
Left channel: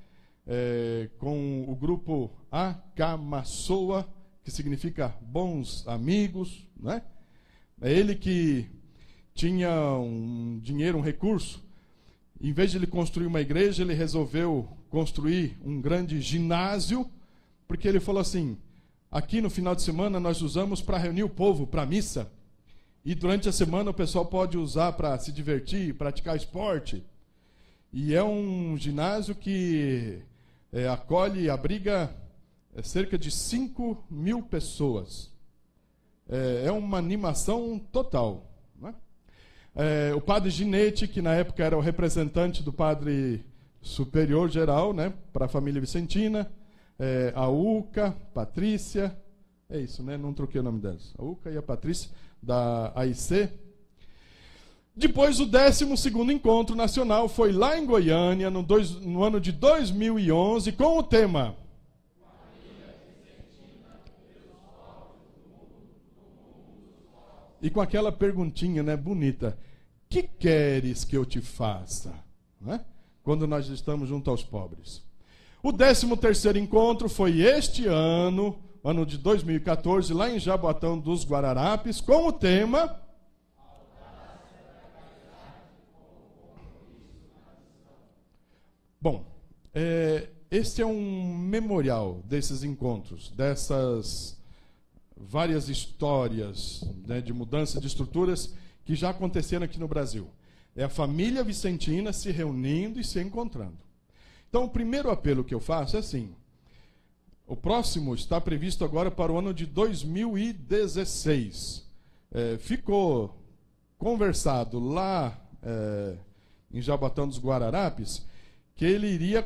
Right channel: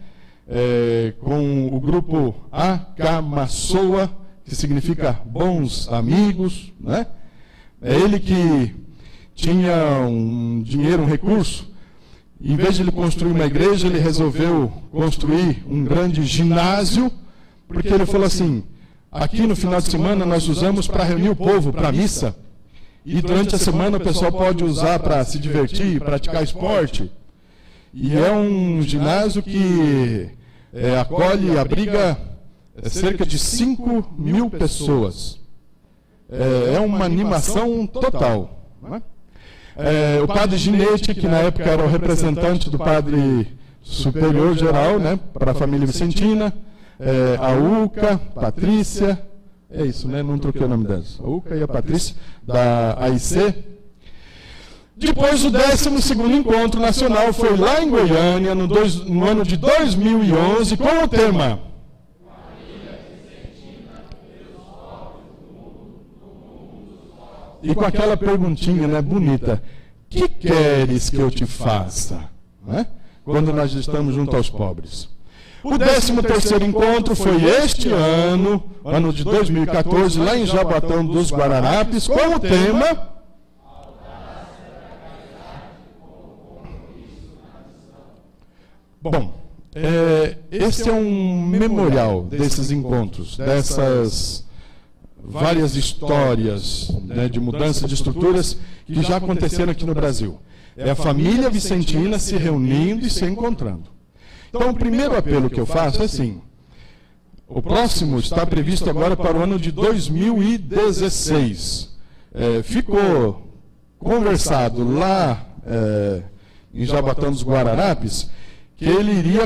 Com o grupo Akamassoa, que significa bons amigos, né? É ele que tinha um dinheiro, um recurso. Em vez de ele construir uma igreja, ele resolveu construir um grande ginásio, porque ele falou assim: aqui no final de semana nós usamos para reunir o povo para a missa, e durante a semana o pessoal pode usar para se divertir, praticar esporte. E é um ginásio que acolhe e abriga cerca de 5.000 pessoas. É uma animação total, não é? O padre Ginete, que na época era o representante do padre superior geral, né, para a família vicentina, a Uca, Patrícia, é isso, né? Não troquei o nome delas. A Uca e a Patrícia, da AIC. Depois, o 12º Encontro Nacional foi lá em Goiânia, no ano de 2011, com o tema e com aquela perguntinha, né, bonita: que queres que eu te faça? Né? Quando nós estamos junto aos pobres. O 13º encontro foi este ano, ano de 2014, lá em Jaboatão dos Guararapes, com o tema Bom, esse é um memorial desses encontros, dessas várias histórias, né, de mudança de estruturas que já aconteceram aqui no Brasil. É a família vicentina se reunindo e se encontrando. Então, o primeiro apelo que eu faço é assim: o próximo está previsto agora para o ano de 2016. Ficou conversado lá em Jaboatão dos Guararapes que ele irá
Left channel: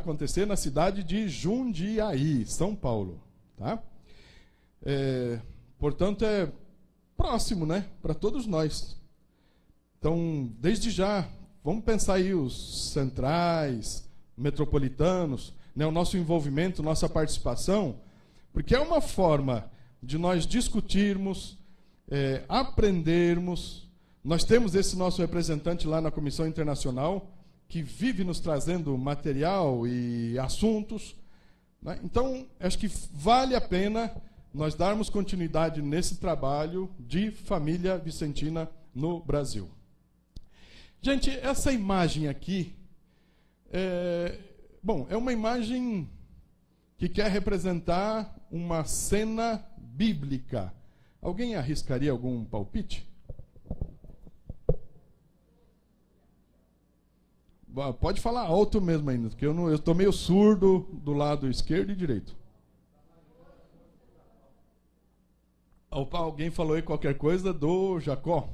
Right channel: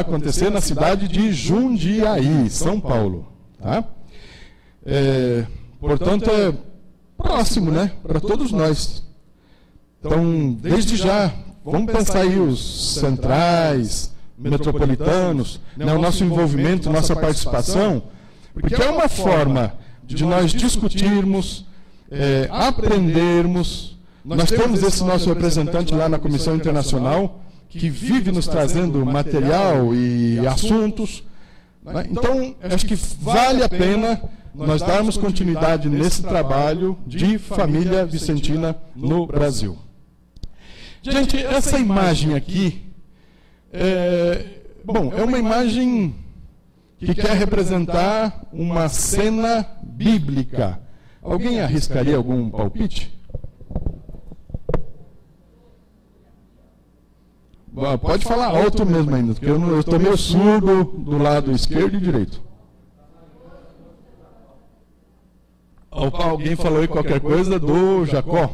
acontecer na cidade de Jundiaí, São Paulo. Tá? Portanto, é próximo, né, para todos nós. Então, desde já, vamos pensar aí os centrais, metropolitanos, né, o nosso envolvimento, nossa participação, porque é uma forma de nós discutirmos, aprendermos. Nós temos esse nosso representante lá na Comissão Internacional, que vive nos trazendo material e assuntos. Né? Então, acho que vale a pena nós darmos continuidade nesse trabalho de família vicentina no Brasil. Gente, essa imagem aqui é uma imagem que quer representar uma cena bíblica. Alguém arriscaria algum palpite? Pode falar alto mesmo ainda, porque eu estou meio surdo do lado esquerdo e direito. Alguém falou aí qualquer coisa do Jacó?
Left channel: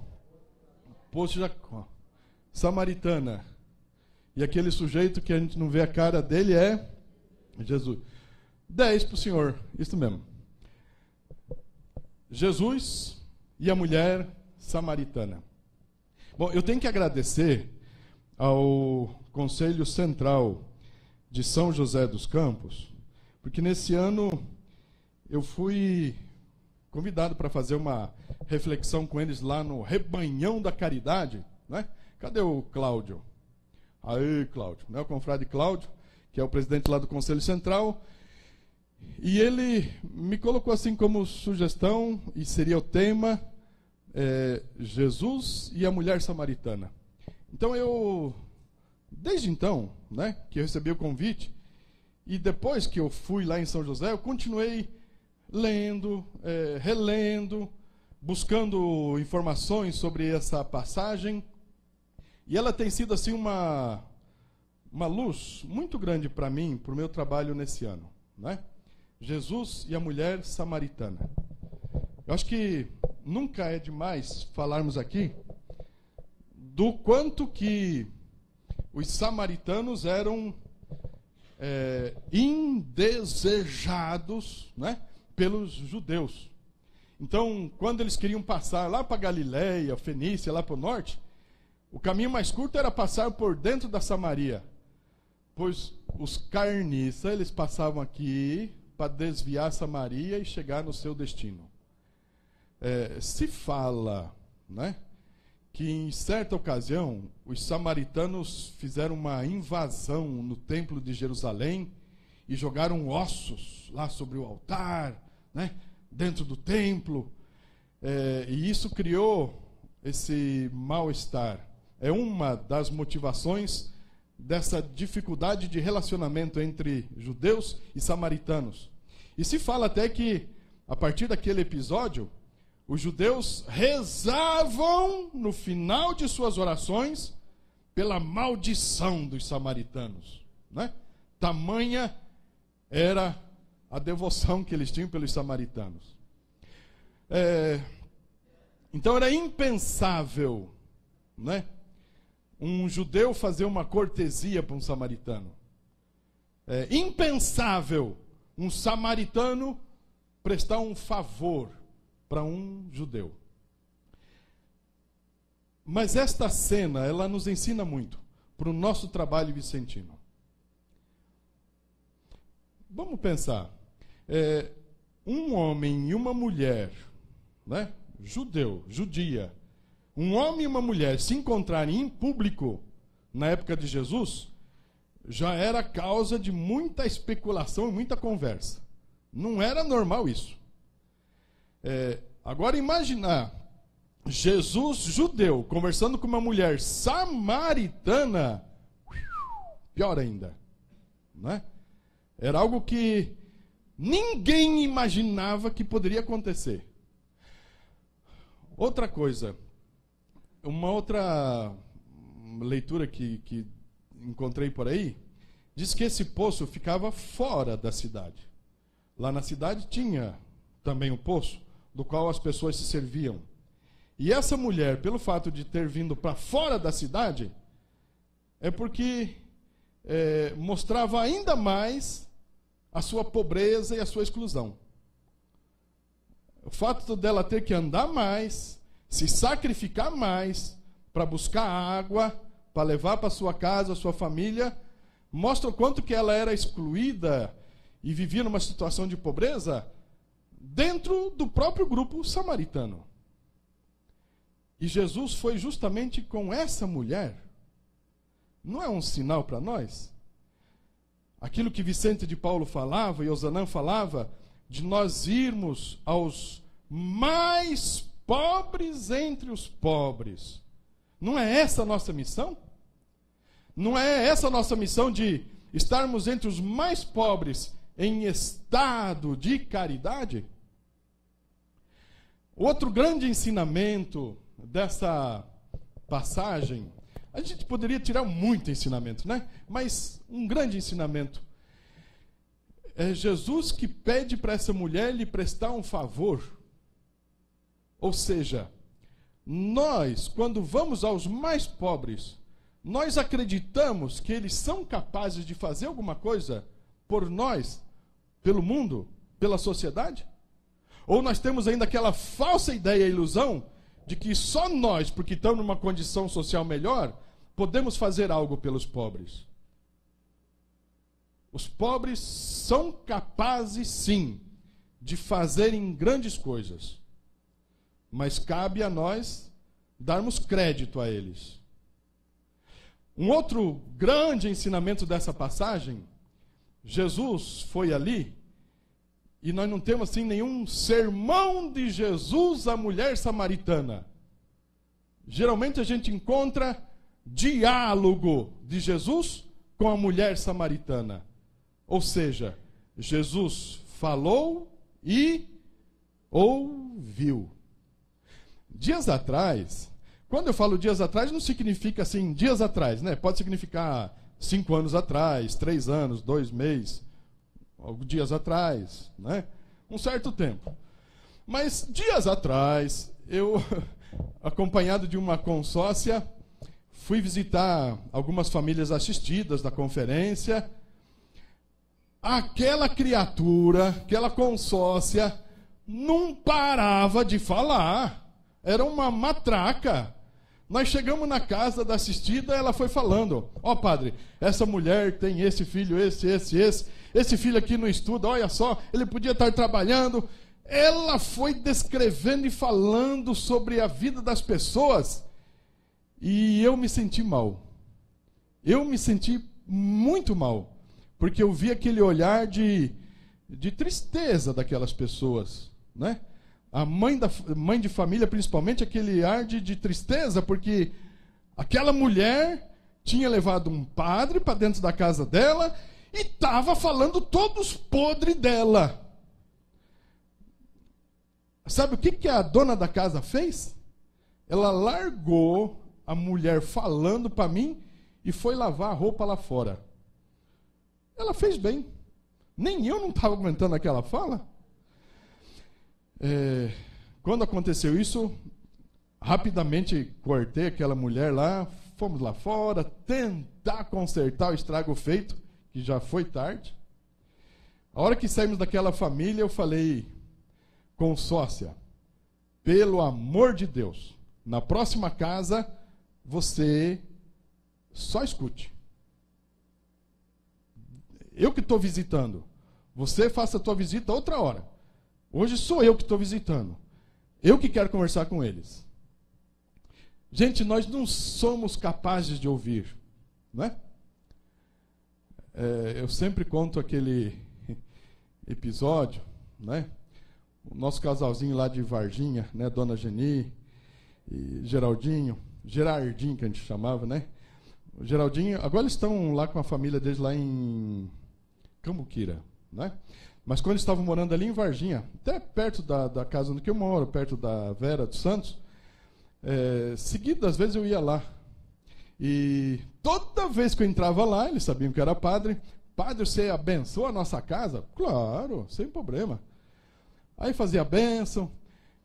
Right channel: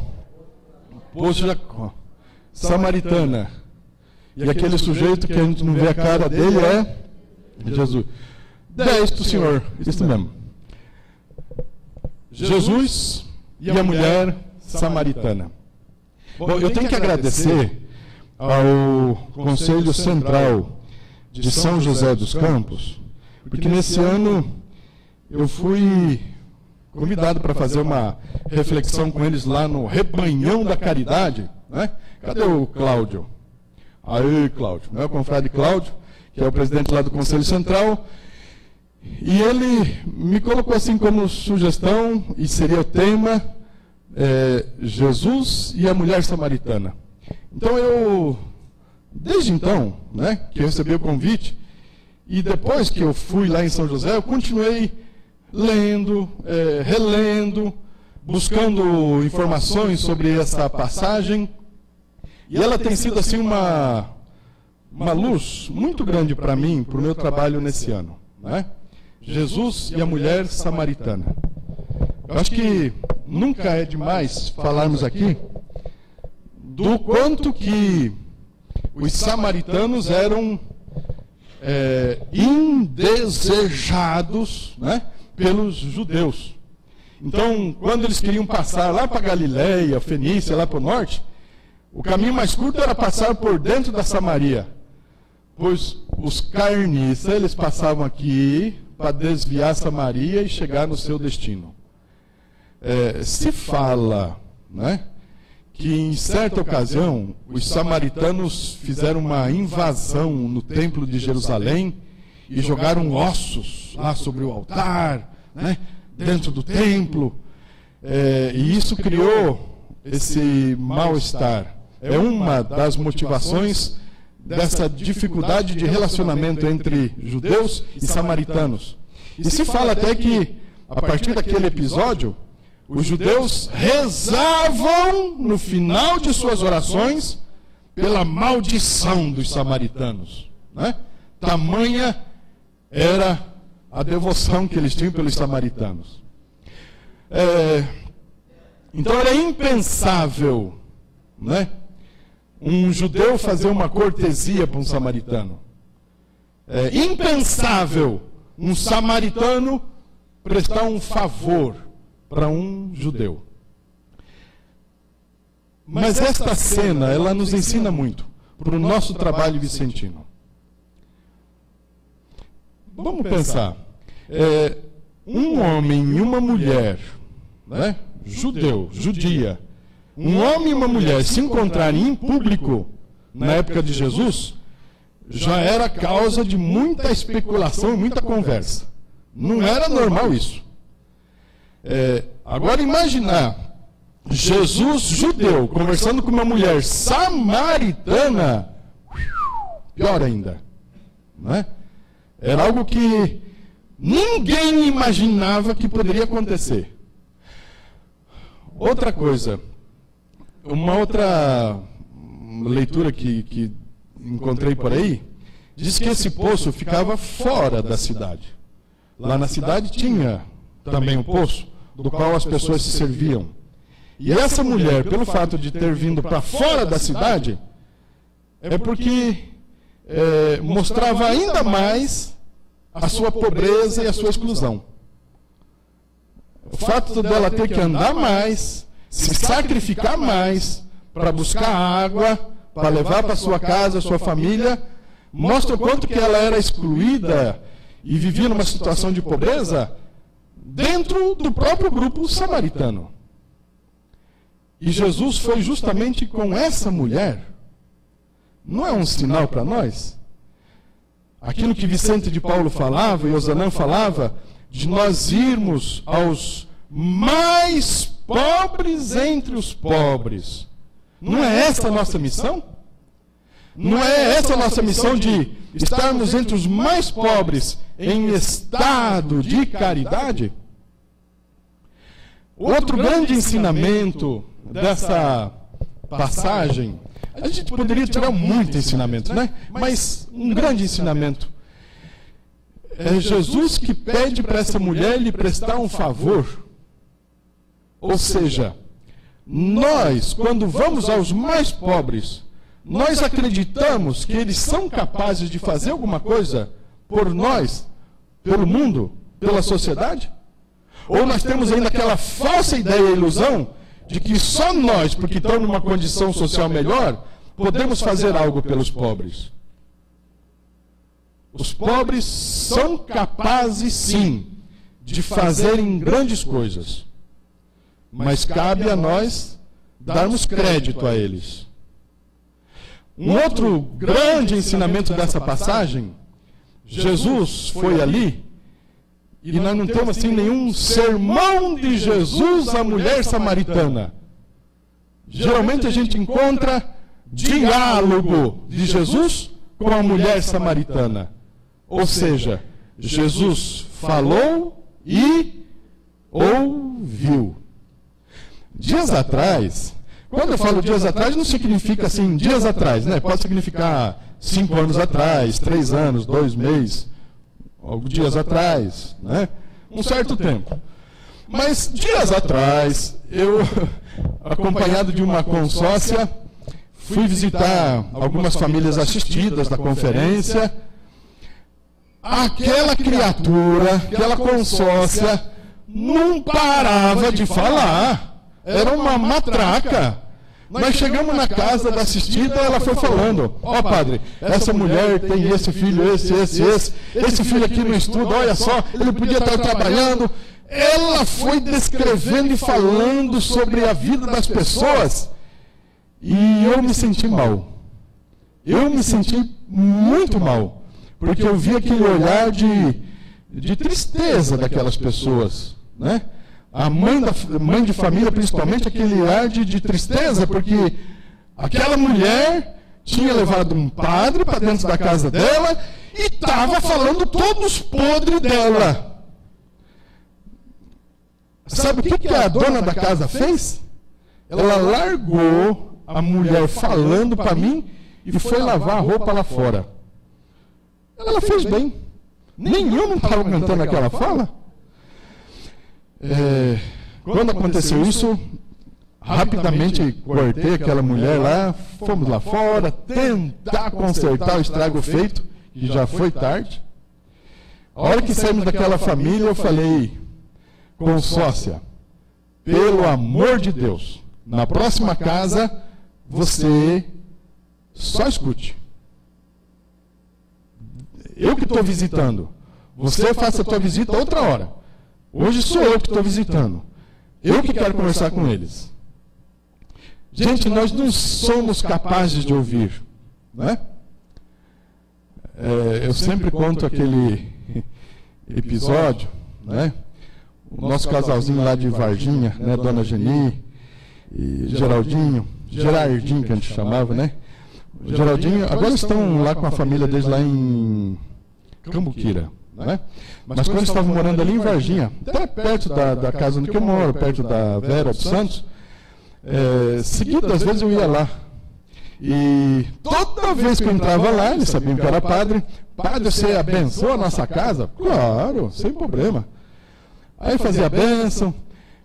Poço Jacó. Samaritana. E aquele sujeito que a gente não vê a cara dele é Jesus. 10 do Senhor, isso mesmo. Jesus e a mulher samaritana. Bom, eu tenho que agradecer ao Conselho Central de São José dos Campos, porque nesse ano eu fui convidado para fazer uma reflexão com eles lá no Rebanhão da Caridade, né? Cadê o Cláudio? Aí, Cláudio, né? O confrade Cláudio, que é o presidente lá do Conselho Central. E ele me colocou assim como sugestão, e seria o tema, Jesus e a mulher samaritana. Então eu, desde então, né, que eu recebi o convite, e depois que eu fui lá em São José, eu continuei lendo, relendo, buscando informações sobre essa passagem, e ela tem sido assim uma luz muito grande para mim, para o meu trabalho nesse ano, né? Jesus e a mulher samaritana. Eu acho que nunca é demais falarmos aqui do quanto que os samaritanos eram indesejados, né, pelos judeus. Então, quando eles queriam passar lá para Galiléia, Fenícia, lá para o norte, o caminho mais curto era passar por dentro da Samaria, pois os carniças, eles passavam aqui para desviar Samaria e chegar no seu destino. Se fala, né, que em certa ocasião os samaritanos fizeram uma invasão no templo de Jerusalém e jogaram ossos lá sobre o altar, né, dentro do templo, e isso criou esse mal-estar. É uma das motivações dessa dificuldade de relacionamento entre judeus e samaritanos. E se fala até que, a partir daquele episódio, os judeus rezavam no final de suas orações pela maldição dos samaritanos, né? Tamanha era a devoção que eles tinham pelos samaritanos. Então era impensável, né, um judeu fazer uma cortesia para um samaritano. É impensável um samaritano prestar um favor para um judeu. Mas esta cena, ela nos ensina muito para o nosso trabalho vicentino. Vamos pensar. Um homem e uma mulher, né, judia, um homem e uma mulher se encontrarem em público na época de Jesus, já era causa de muita especulação e muita conversa. Não era normal isso. Agora imaginar Jesus judeu conversando com uma mulher samaritana, pior ainda, né? Era algo que ninguém imaginava que poderia acontecer. Outra coisa, uma outra leitura que encontrei por aí, diz que esse poço ficava fora da cidade. Lá na cidade tinha também um poço, do qual as pessoas se serviam. E essa mulher, pelo fato de ter vindo para fora da cidade, é porque mostrava ainda mais a sua pobreza e a sua exclusão. O fato dela ter que andar mais, se sacrificar mais para buscar água, para levar para sua casa, sua família, mostra o quanto que ela era excluída e vivia numa situação de pobreza dentro do próprio grupo samaritano. E Jesus foi justamente com essa mulher. Não é um sinal para nós? Aquilo que Vicente de Paulo falava e Osanã falava, de nós irmos aos mais pobres entre os pobres. Não é essa a nossa missão? Não é essa a nossa missão de estarmos entre os mais pobres em estado de caridade? Outro grande ensinamento dessa passagem, a gente poderia tirar muito ensinamento, né? Mas um grande ensinamento é Jesus que pede para essa mulher lhe prestar um favor. Ou seja, nós, quando vamos aos mais pobres, nós acreditamos que eles são capazes de fazer alguma coisa por nós, pelo mundo, pela sociedade? Ou nós temos ainda aquela falsa ideia e ilusão de que só nós, porque estamos numa condição social melhor, podemos fazer algo pelos pobres? Os pobres são capazes, sim, de fazerem grandes coisas. Mas cabe a nós darmos crédito a eles. Um outro grande ensinamento dessa passagem, Jesus foi ali E nós não temos assim nenhum sermão de Jesus à mulher samaritana. Geralmente a gente encontra diálogo de Jesus com a mulher samaritana. Ou seja, Jesus falou e ouviu. Dias atrás, quando eu falo dias atrás, não significa assim, dias atrás, né? Pode significar 5 anos atrás, 3 anos, 2 meses, alguns dias atrás, né? Um certo tempo. Mas dias atrás, eu, acompanhado de uma consórcia, fui visitar algumas famílias assistidas da conferência. Aquela criatura, aquela consórcia, não parava de falar. Era uma matraca. Nós chegamos na casa da assistida, ela foi falando: ó, padre, essa mulher tem esse filho, esse filho aqui no estudo, olha só, ele podia estar trabalhando. Ela foi descrevendo e falando sobre a vida das pessoas. E eu me senti mal. Eu me senti muito mal. Porque eu vi aquele olhar de tristeza daquelas pessoas, né? A mãe de família, principalmente, aquele ar de tristeza, porque aquela mulher tinha levado um padre para dentro da casa dela e estava falando todos podres dela. Sabe o que a dona da casa fez? Ela largou a mulher falando para mim e foi lavar a roupa lá fora. Ela fez bem. Nenhum estava aguentando aquela fala. Quando aconteceu isso, rapidamente cortei aquela mulher lá, fomos lá fora tentar consertar o estrago feito, que já foi tarde. A hora que saímos daquela família, eu falei: consórcia, pelo amor de Deus, na próxima casa, você só escute. Eu que estou visitando, você faça a tua visita outra hora. Hoje sou eu que estou visitando. Eu que quero conversar com eles. Gente, nós não somos capazes de ouvir, né? Eu sempre conto aquele episódio, né? O nosso casalzinho lá de Varginha, né? Dona Geni e Geraldinho, Gerardinho que a gente chamava, né? O Geraldinho, agora eles estão lá com a família deles lá em Cambuquira, né? Mas quando eles estavam morando ali em Varginha, até perto da casa onde eu moro, perto da Vera dos Santos, seguidas vezes eu ia lá. E toda vez que eu entrava lá, eles sabiam que eu era padre. Padre, você abençoa a nossa casa? Claro, sem problema. Aí fazia a bênção,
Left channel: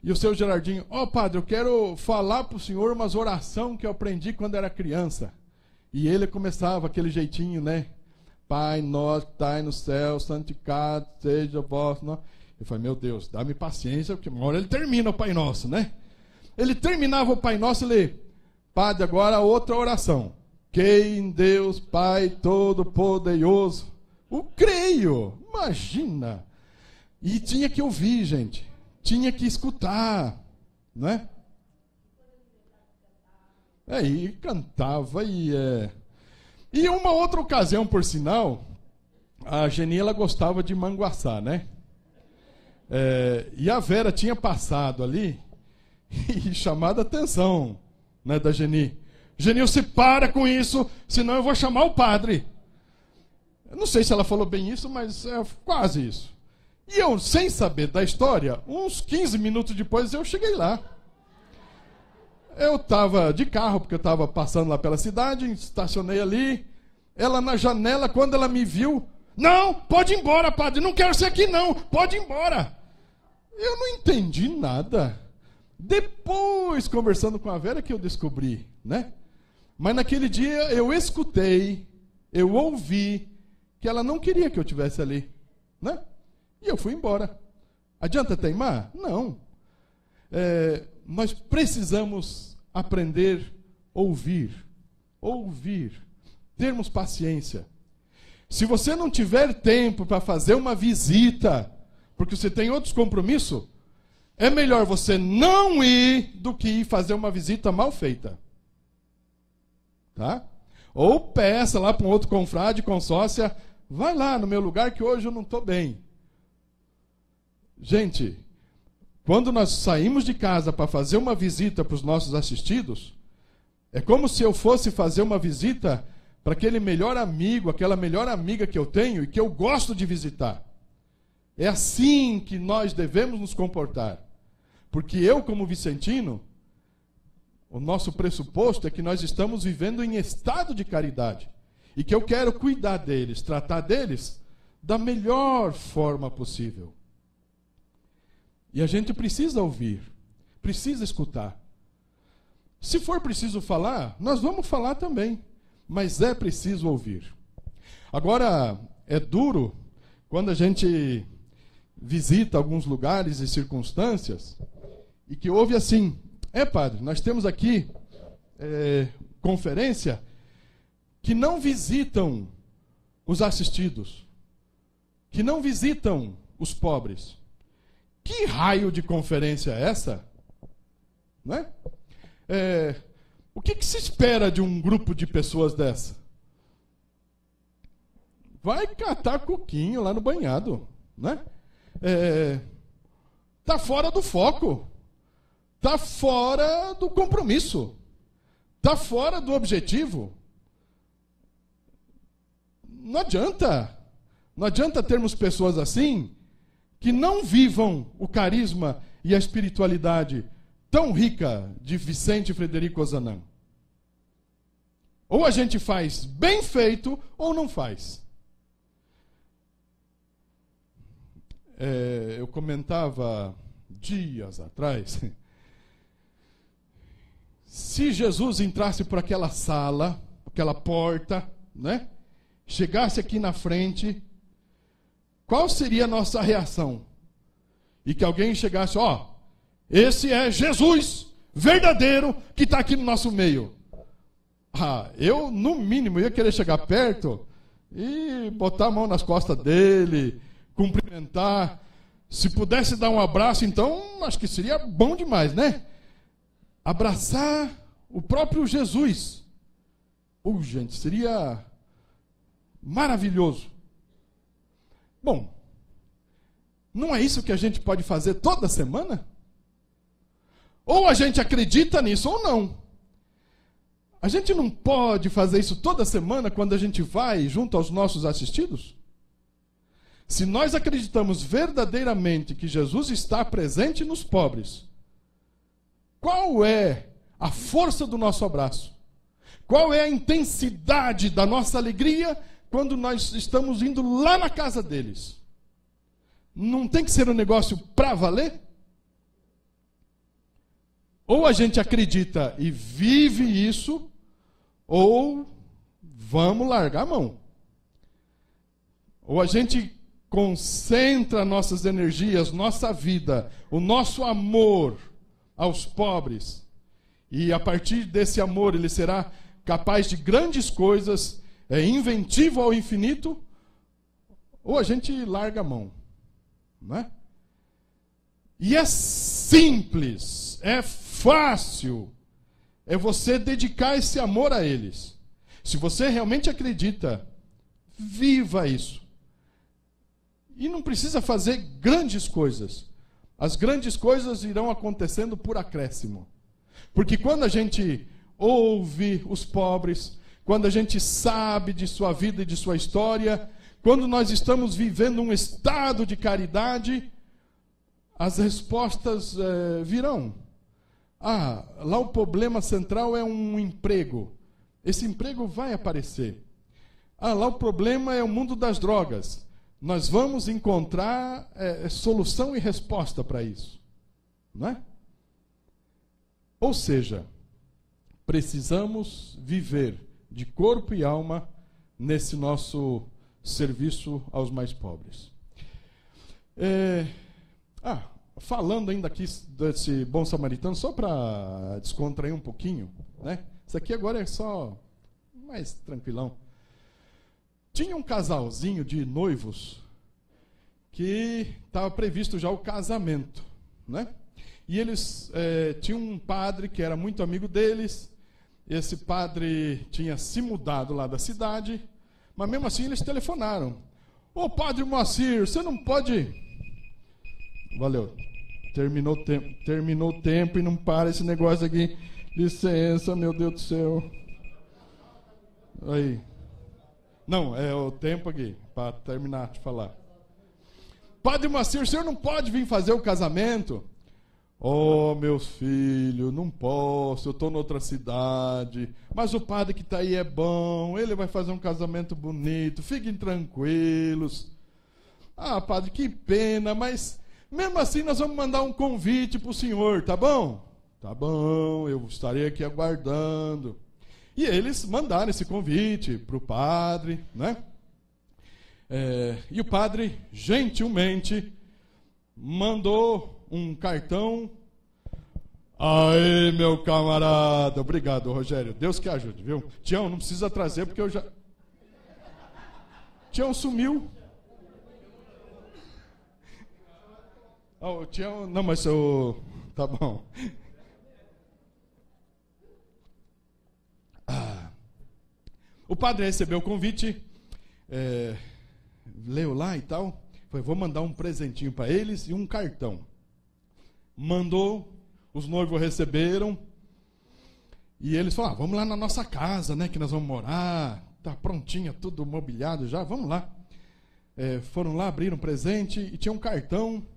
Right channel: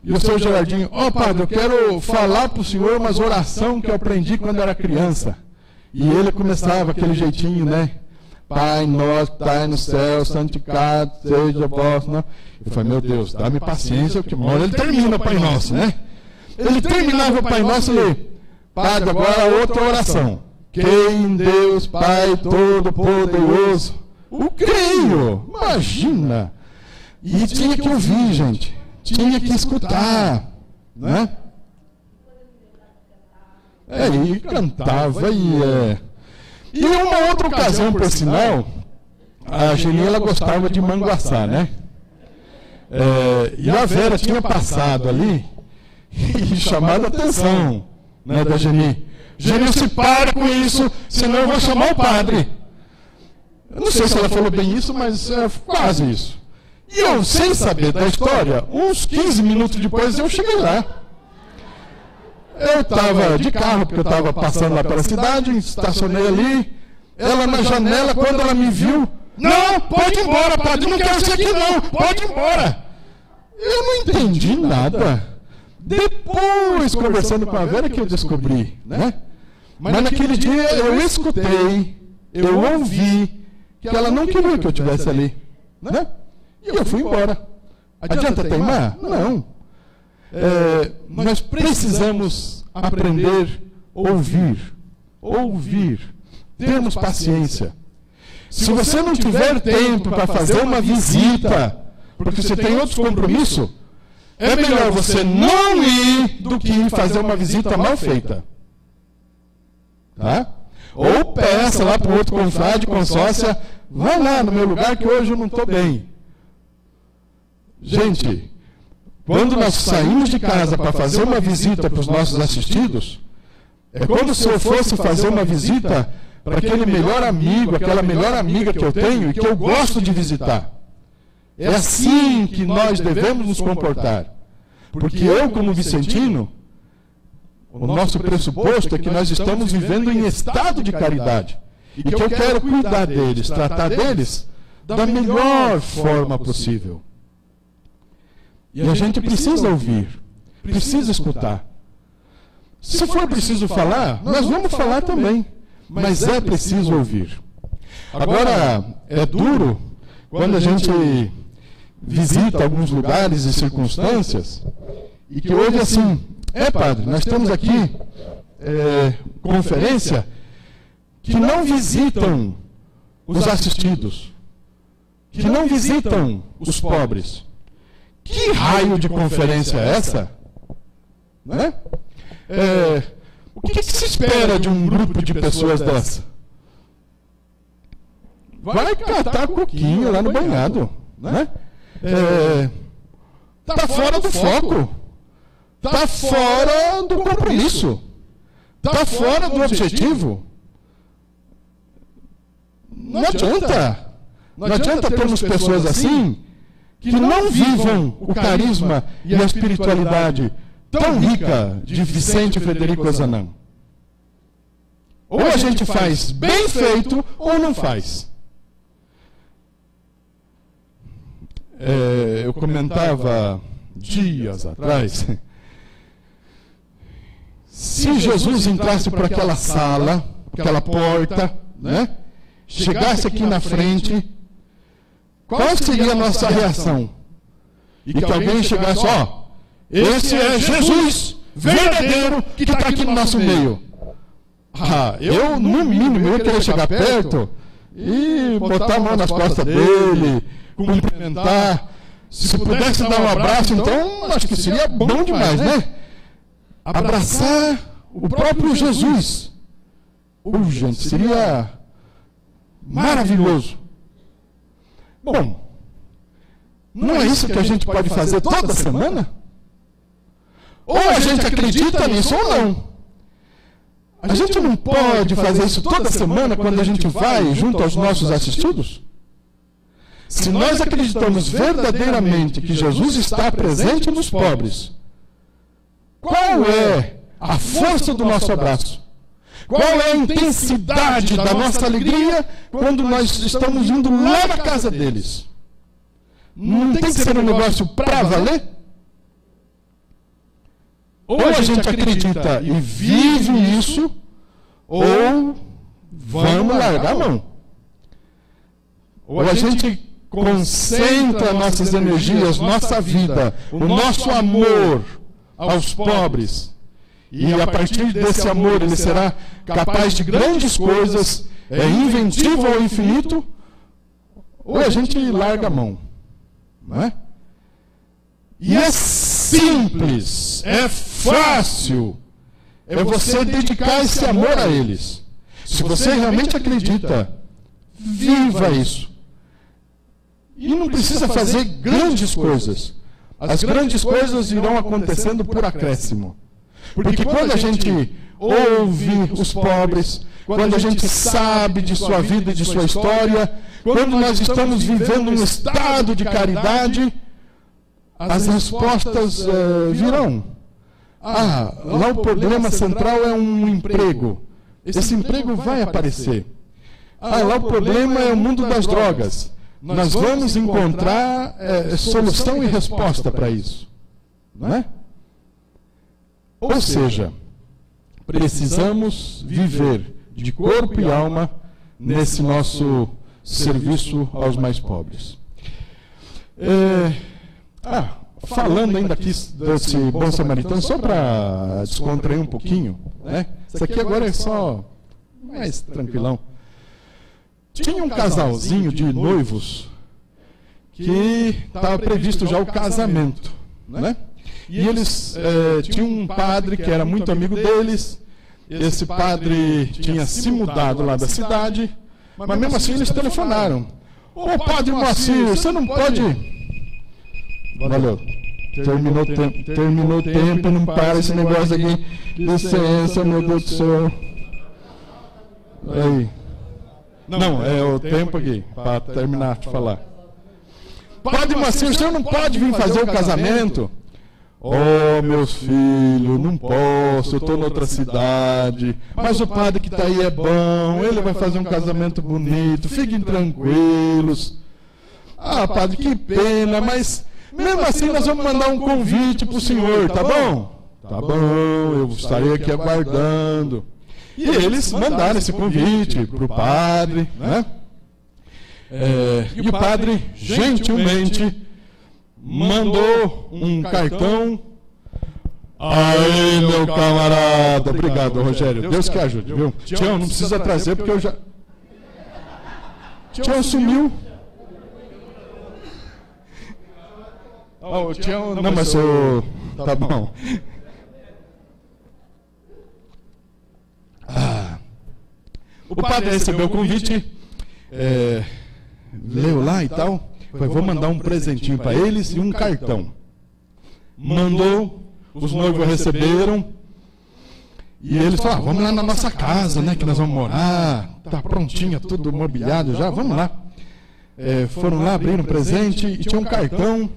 e o seu Gerardinho: ó, padre, eu quero falar para o senhor umas orações que eu aprendi quando eu era criança. E ele começava aquele jeitinho, né? Pai nosso que está no céu, santificado seja o vosso nome. Eu falei: meu Deus, dá-me paciência, porque uma hora ele termina o Pai Nosso, né? Ele terminava o Pai Nosso e: padre, agora outra oração. Quem Deus Pai Todo-Poderoso, o creio. Imagina! E tinha que ouvir, gente. Tinha que escutar, né? E cantava E uma outra ocasião, por sinal, a Geni, ela gostava de manguaçá, né? E a Vera tinha passado ali e chamado a atenção, né, da Geni. Geni, se para com isso, senão eu vou chamar o padre. Eu não sei se ela falou bem isso, mas é quase isso. E eu, sem saber da história, uns 15 minutos depois eu cheguei lá. Eu estava de carro, porque eu estava passando lá pela cidade, estacionei ali. Ela na janela, quando ela me viu: não, pode ir embora, padre, não quero ser aqui não, pode ir embora. Eu não entendi nada. Depois, conversando com a Vera, que eu descobri, né? Mas naquele dia eu escutei, eu ouvi que ela não queria que eu estivesse ali, né? E eu fui embora. Adianta teimar? Não. Nós precisamos aprender a ouvir, termos paciência. Se você não tiver tempo para fazer uma visita, porque você tem outros compromissos, é melhor você não ir do que fazer uma visita mal feita. Tá? Ou peça lá para o outro confrade, consórcia: vai lá no meu lugar que hoje eu não estou bem. Gente, quando nós saímos de casa para fazer uma visita para os nossos assistidos, é como se eu fosse fazer uma visita para aquele melhor amigo, aquela melhor amiga que eu tenho e que eu gosto de visitar. É assim que nós devemos nos comportar. Porque eu, como vicentino, o nosso pressuposto é que nós estamos vivendo em estado de caridade. E que eu quero cuidar deles, tratar deles da melhor forma possível. E a gente precisa ouvir, precisa escutar. Se for preciso falar, nós vamos falar também. Mas é preciso ouvir. Agora, é duro quando a gente visita alguns lugares e circunstâncias e que ouve assim: padre, nós temos aqui conferência que não visitam os assistidos, que não visitam os pobres. Que raio de conferência é essa? Não é? O que se espera de um grupo de pessoas dessa? Vai catar coquinho lá no banhado, né? Tá fora do foco, tá fora do compromisso, tá fora do objetivo. Não adianta termos pessoas assim que não vivam o carisma e a espiritualidade tão rica de Vicente Frederico Ozanam. Ou a gente faz bem feito ou não faz. Eu comentava dias atrás, se Jesus entrasse por aquela sala, aquela porta, né? Chegasse aqui na frente, qual seria a nossa reação? E que alguém chegasse: esse é Jesus verdadeiro que está aqui no nosso meio. Eu, no mínimo, eu queria chegar perto e botar a mão nas costas dele, cumprimentar. Se pudesse dar um abraço, então, acho que seria bom demais, né? Abraçar o próprio Jesus. Gente, seria maravilhoso. Bom, não é isso que a gente pode fazer toda semana? Ou a gente acredita nisso ou não. A gente não pode fazer isso toda semana quando a gente vai junto aos nossos assistidos? Se nós acreditamos verdadeiramente que Jesus está presente nos pobres, qual é a força do nosso abraço? Qual é a intensidade da nossa alegria quando nós estamos indo lá na casa deles? Não tem que ser um negócio para valer? Ou a gente acredita e vive isso, ou vamos largar a mão. Ou a gente concentra nossas energias, nossa vida, o nosso amor aos pobres. E a partir desse amor ele será capaz de grandes coisas, inventivo ao infinito, ou a gente larga a mão. Não é? E é simples, é fácil. É você dedicar esse amor a eles. Se você realmente acredita, viva isso. E não precisa fazer grandes coisas. As grandes coisas irão acontecendo por acréscimo. Porque quando a gente ouve os pobres, quando a gente sabe de sua vida e de sua história, quando nós estamos vivendo um estado de caridade, as respostas virão. Lá o problema central é um emprego. Esse emprego vai aparecer. Lá o problema é o mundo das drogas. Nós vamos encontrar solução e resposta para isso. Não é? Ou seja, precisamos viver de corpo e alma nesse nosso serviço aos mais pobres. Falando ainda aqui desse bom samaritano, só para descontrair um pouquinho, né? Isso aqui agora é só mais tranquilão. Tinha um casalzinho de noivos que estava previsto já o casamento, né? E eles tinham um padre que era muito amigo deles. Esse padre tinha se mudado lá da cidade, mas mesmo assim eles telefonaram: Ô padre Moacir, você não pode Valeu. Terminou o tempo e não para esse negócio aqui. Licença, meu Deus do céu. Aí. Não, é o tempo aqui, para terminar de falar. Padre Macir, o senhor não pode vir fazer o casamento? Oh, meus filhos, não posso, eu estou em outra cidade. Mas o padre que está aí é bom, ele vai fazer um casamento bonito, fiquem tranquilos. Ah, padre, que pena, mas mesmo assim nós vamos mandar um convite para o senhor, tá bom? Tá bom, eu estarei aqui aguardando. E eles mandaram esse convite para o padre, né? E o padre, gentilmente, mandou um cartão. Aí, meu camarada. Obrigado, Rogério. Deus que ajude, viu? Tião, não precisa trazer porque eu já... Tião sumiu. Tião... Não, mas eu... Tá bom. O padre recebeu o convite, leu lá e tal, vou mandar um presentinho para eles e um cartão. Mandou, os noivos receberam, e eles falaram, vamos lá na nossa casa, né, que nós vamos morar, tá prontinha, tudo mobiliado já, vamos lá. Foram lá, abriram o presente, e tinha um cartão,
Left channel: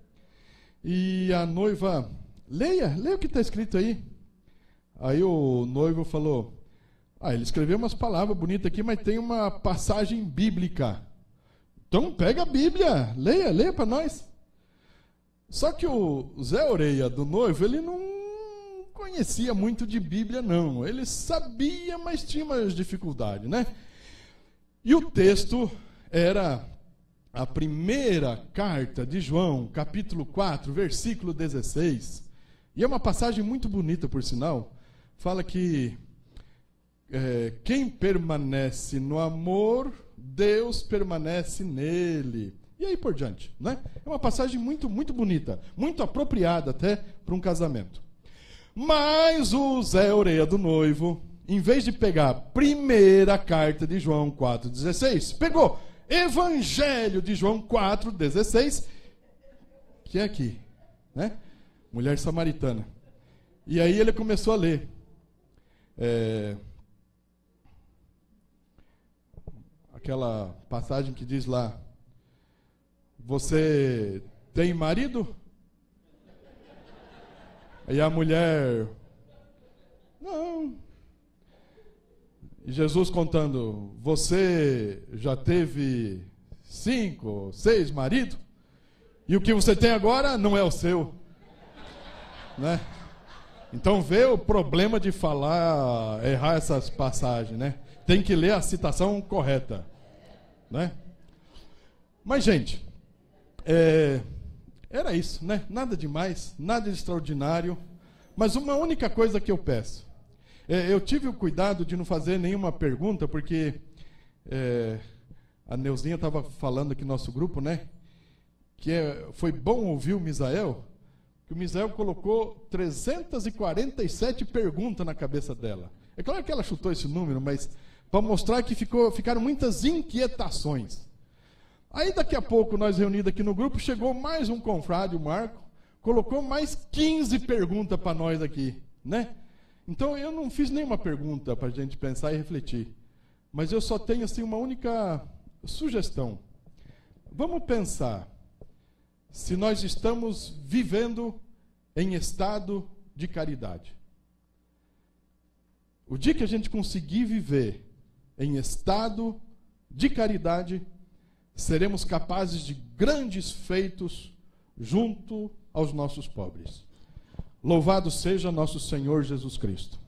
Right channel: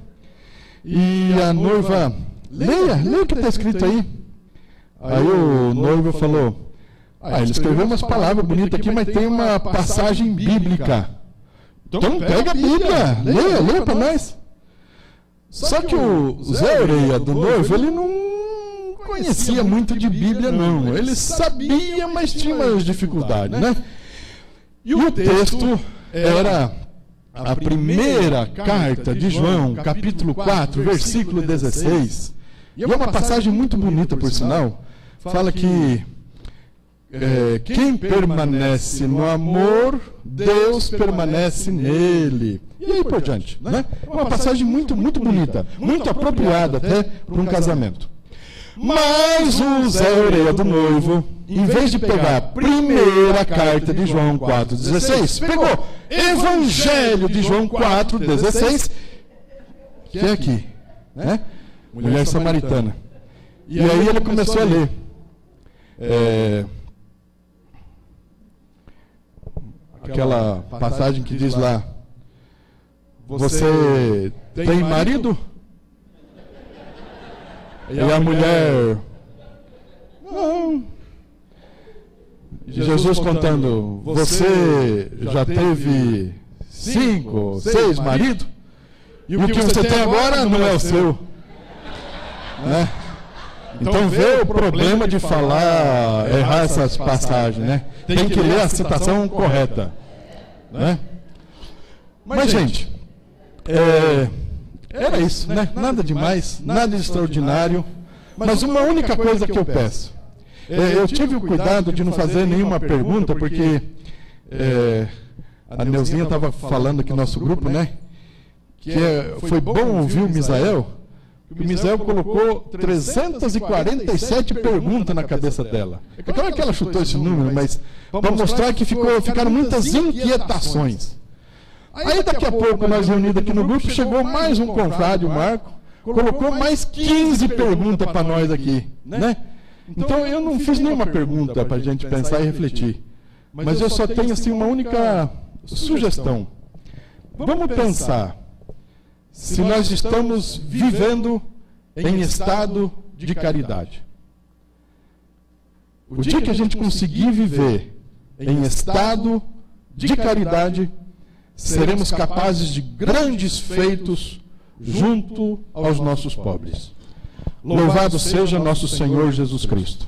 e a noiva, leia o que está escrito aí. Aí o noivo falou... ele escreveu umas palavras bonitas aqui, mas tem uma passagem bíblica. Então pega a Bíblia, leia para nós. Só que o Zé Oreia do noivo, ele não conhecia muito de Bíblia, não. Ele sabia, mas tinha umas dificuldades, né? E o texto era a primeira carta de João, capítulo 4, versículo 16. E é uma passagem muito bonita, por sinal. Fala que... quem permanece no amor, Deus permanece nele. E aí por diante, né? É uma passagem muito, muito bonita, muito apropriada até para um casamento. Mas o Zé Oreia do noivo, em vez de pegar a primeira carta de João 4,16, pegou Evangelho de João 4,16, que é aqui, né? Mulher samaritana. E aí ele começou a ler. Aquela passagem que diz lá, você tem marido? E a mulher, não. E Jesus contando, você já teve 5, 6 maridos? E o que você tem agora não é o seu. Né? Então vê o problema de falar, errar essas passagens, né? Tem que ler a citação correta, né? Mas, gente, é isso, né? Nada demais, nada de extraordinário, mas uma única coisa que eu peço. Eu tive o cuidado de não fazer nenhuma pergunta, porque a Neuzinha estava falando aqui no nosso grupo, né? Que foi bom ouvir o Misael. O Misael colocou 347 perguntas na cabeça dela. É claro que ela chutou esse número, mas para mostrar que ficaram muitas inquietações. Aí daqui a pouco, nós reunidos aqui no grupo, chegou mais um confrade, o Marco, colocou mais 15 perguntas para nós aqui, né? Então eu não fiz nenhuma pergunta para a gente pensar e refletir. Mas eu só tenho assim uma única sugestão. Vamos pensar se nós estamos vivendo em estado de caridade. O dia que a gente conseguir viver em estado de caridade, seremos capazes de grandes feitos junto aos nossos pobres. Louvado seja nosso Senhor Jesus Cristo.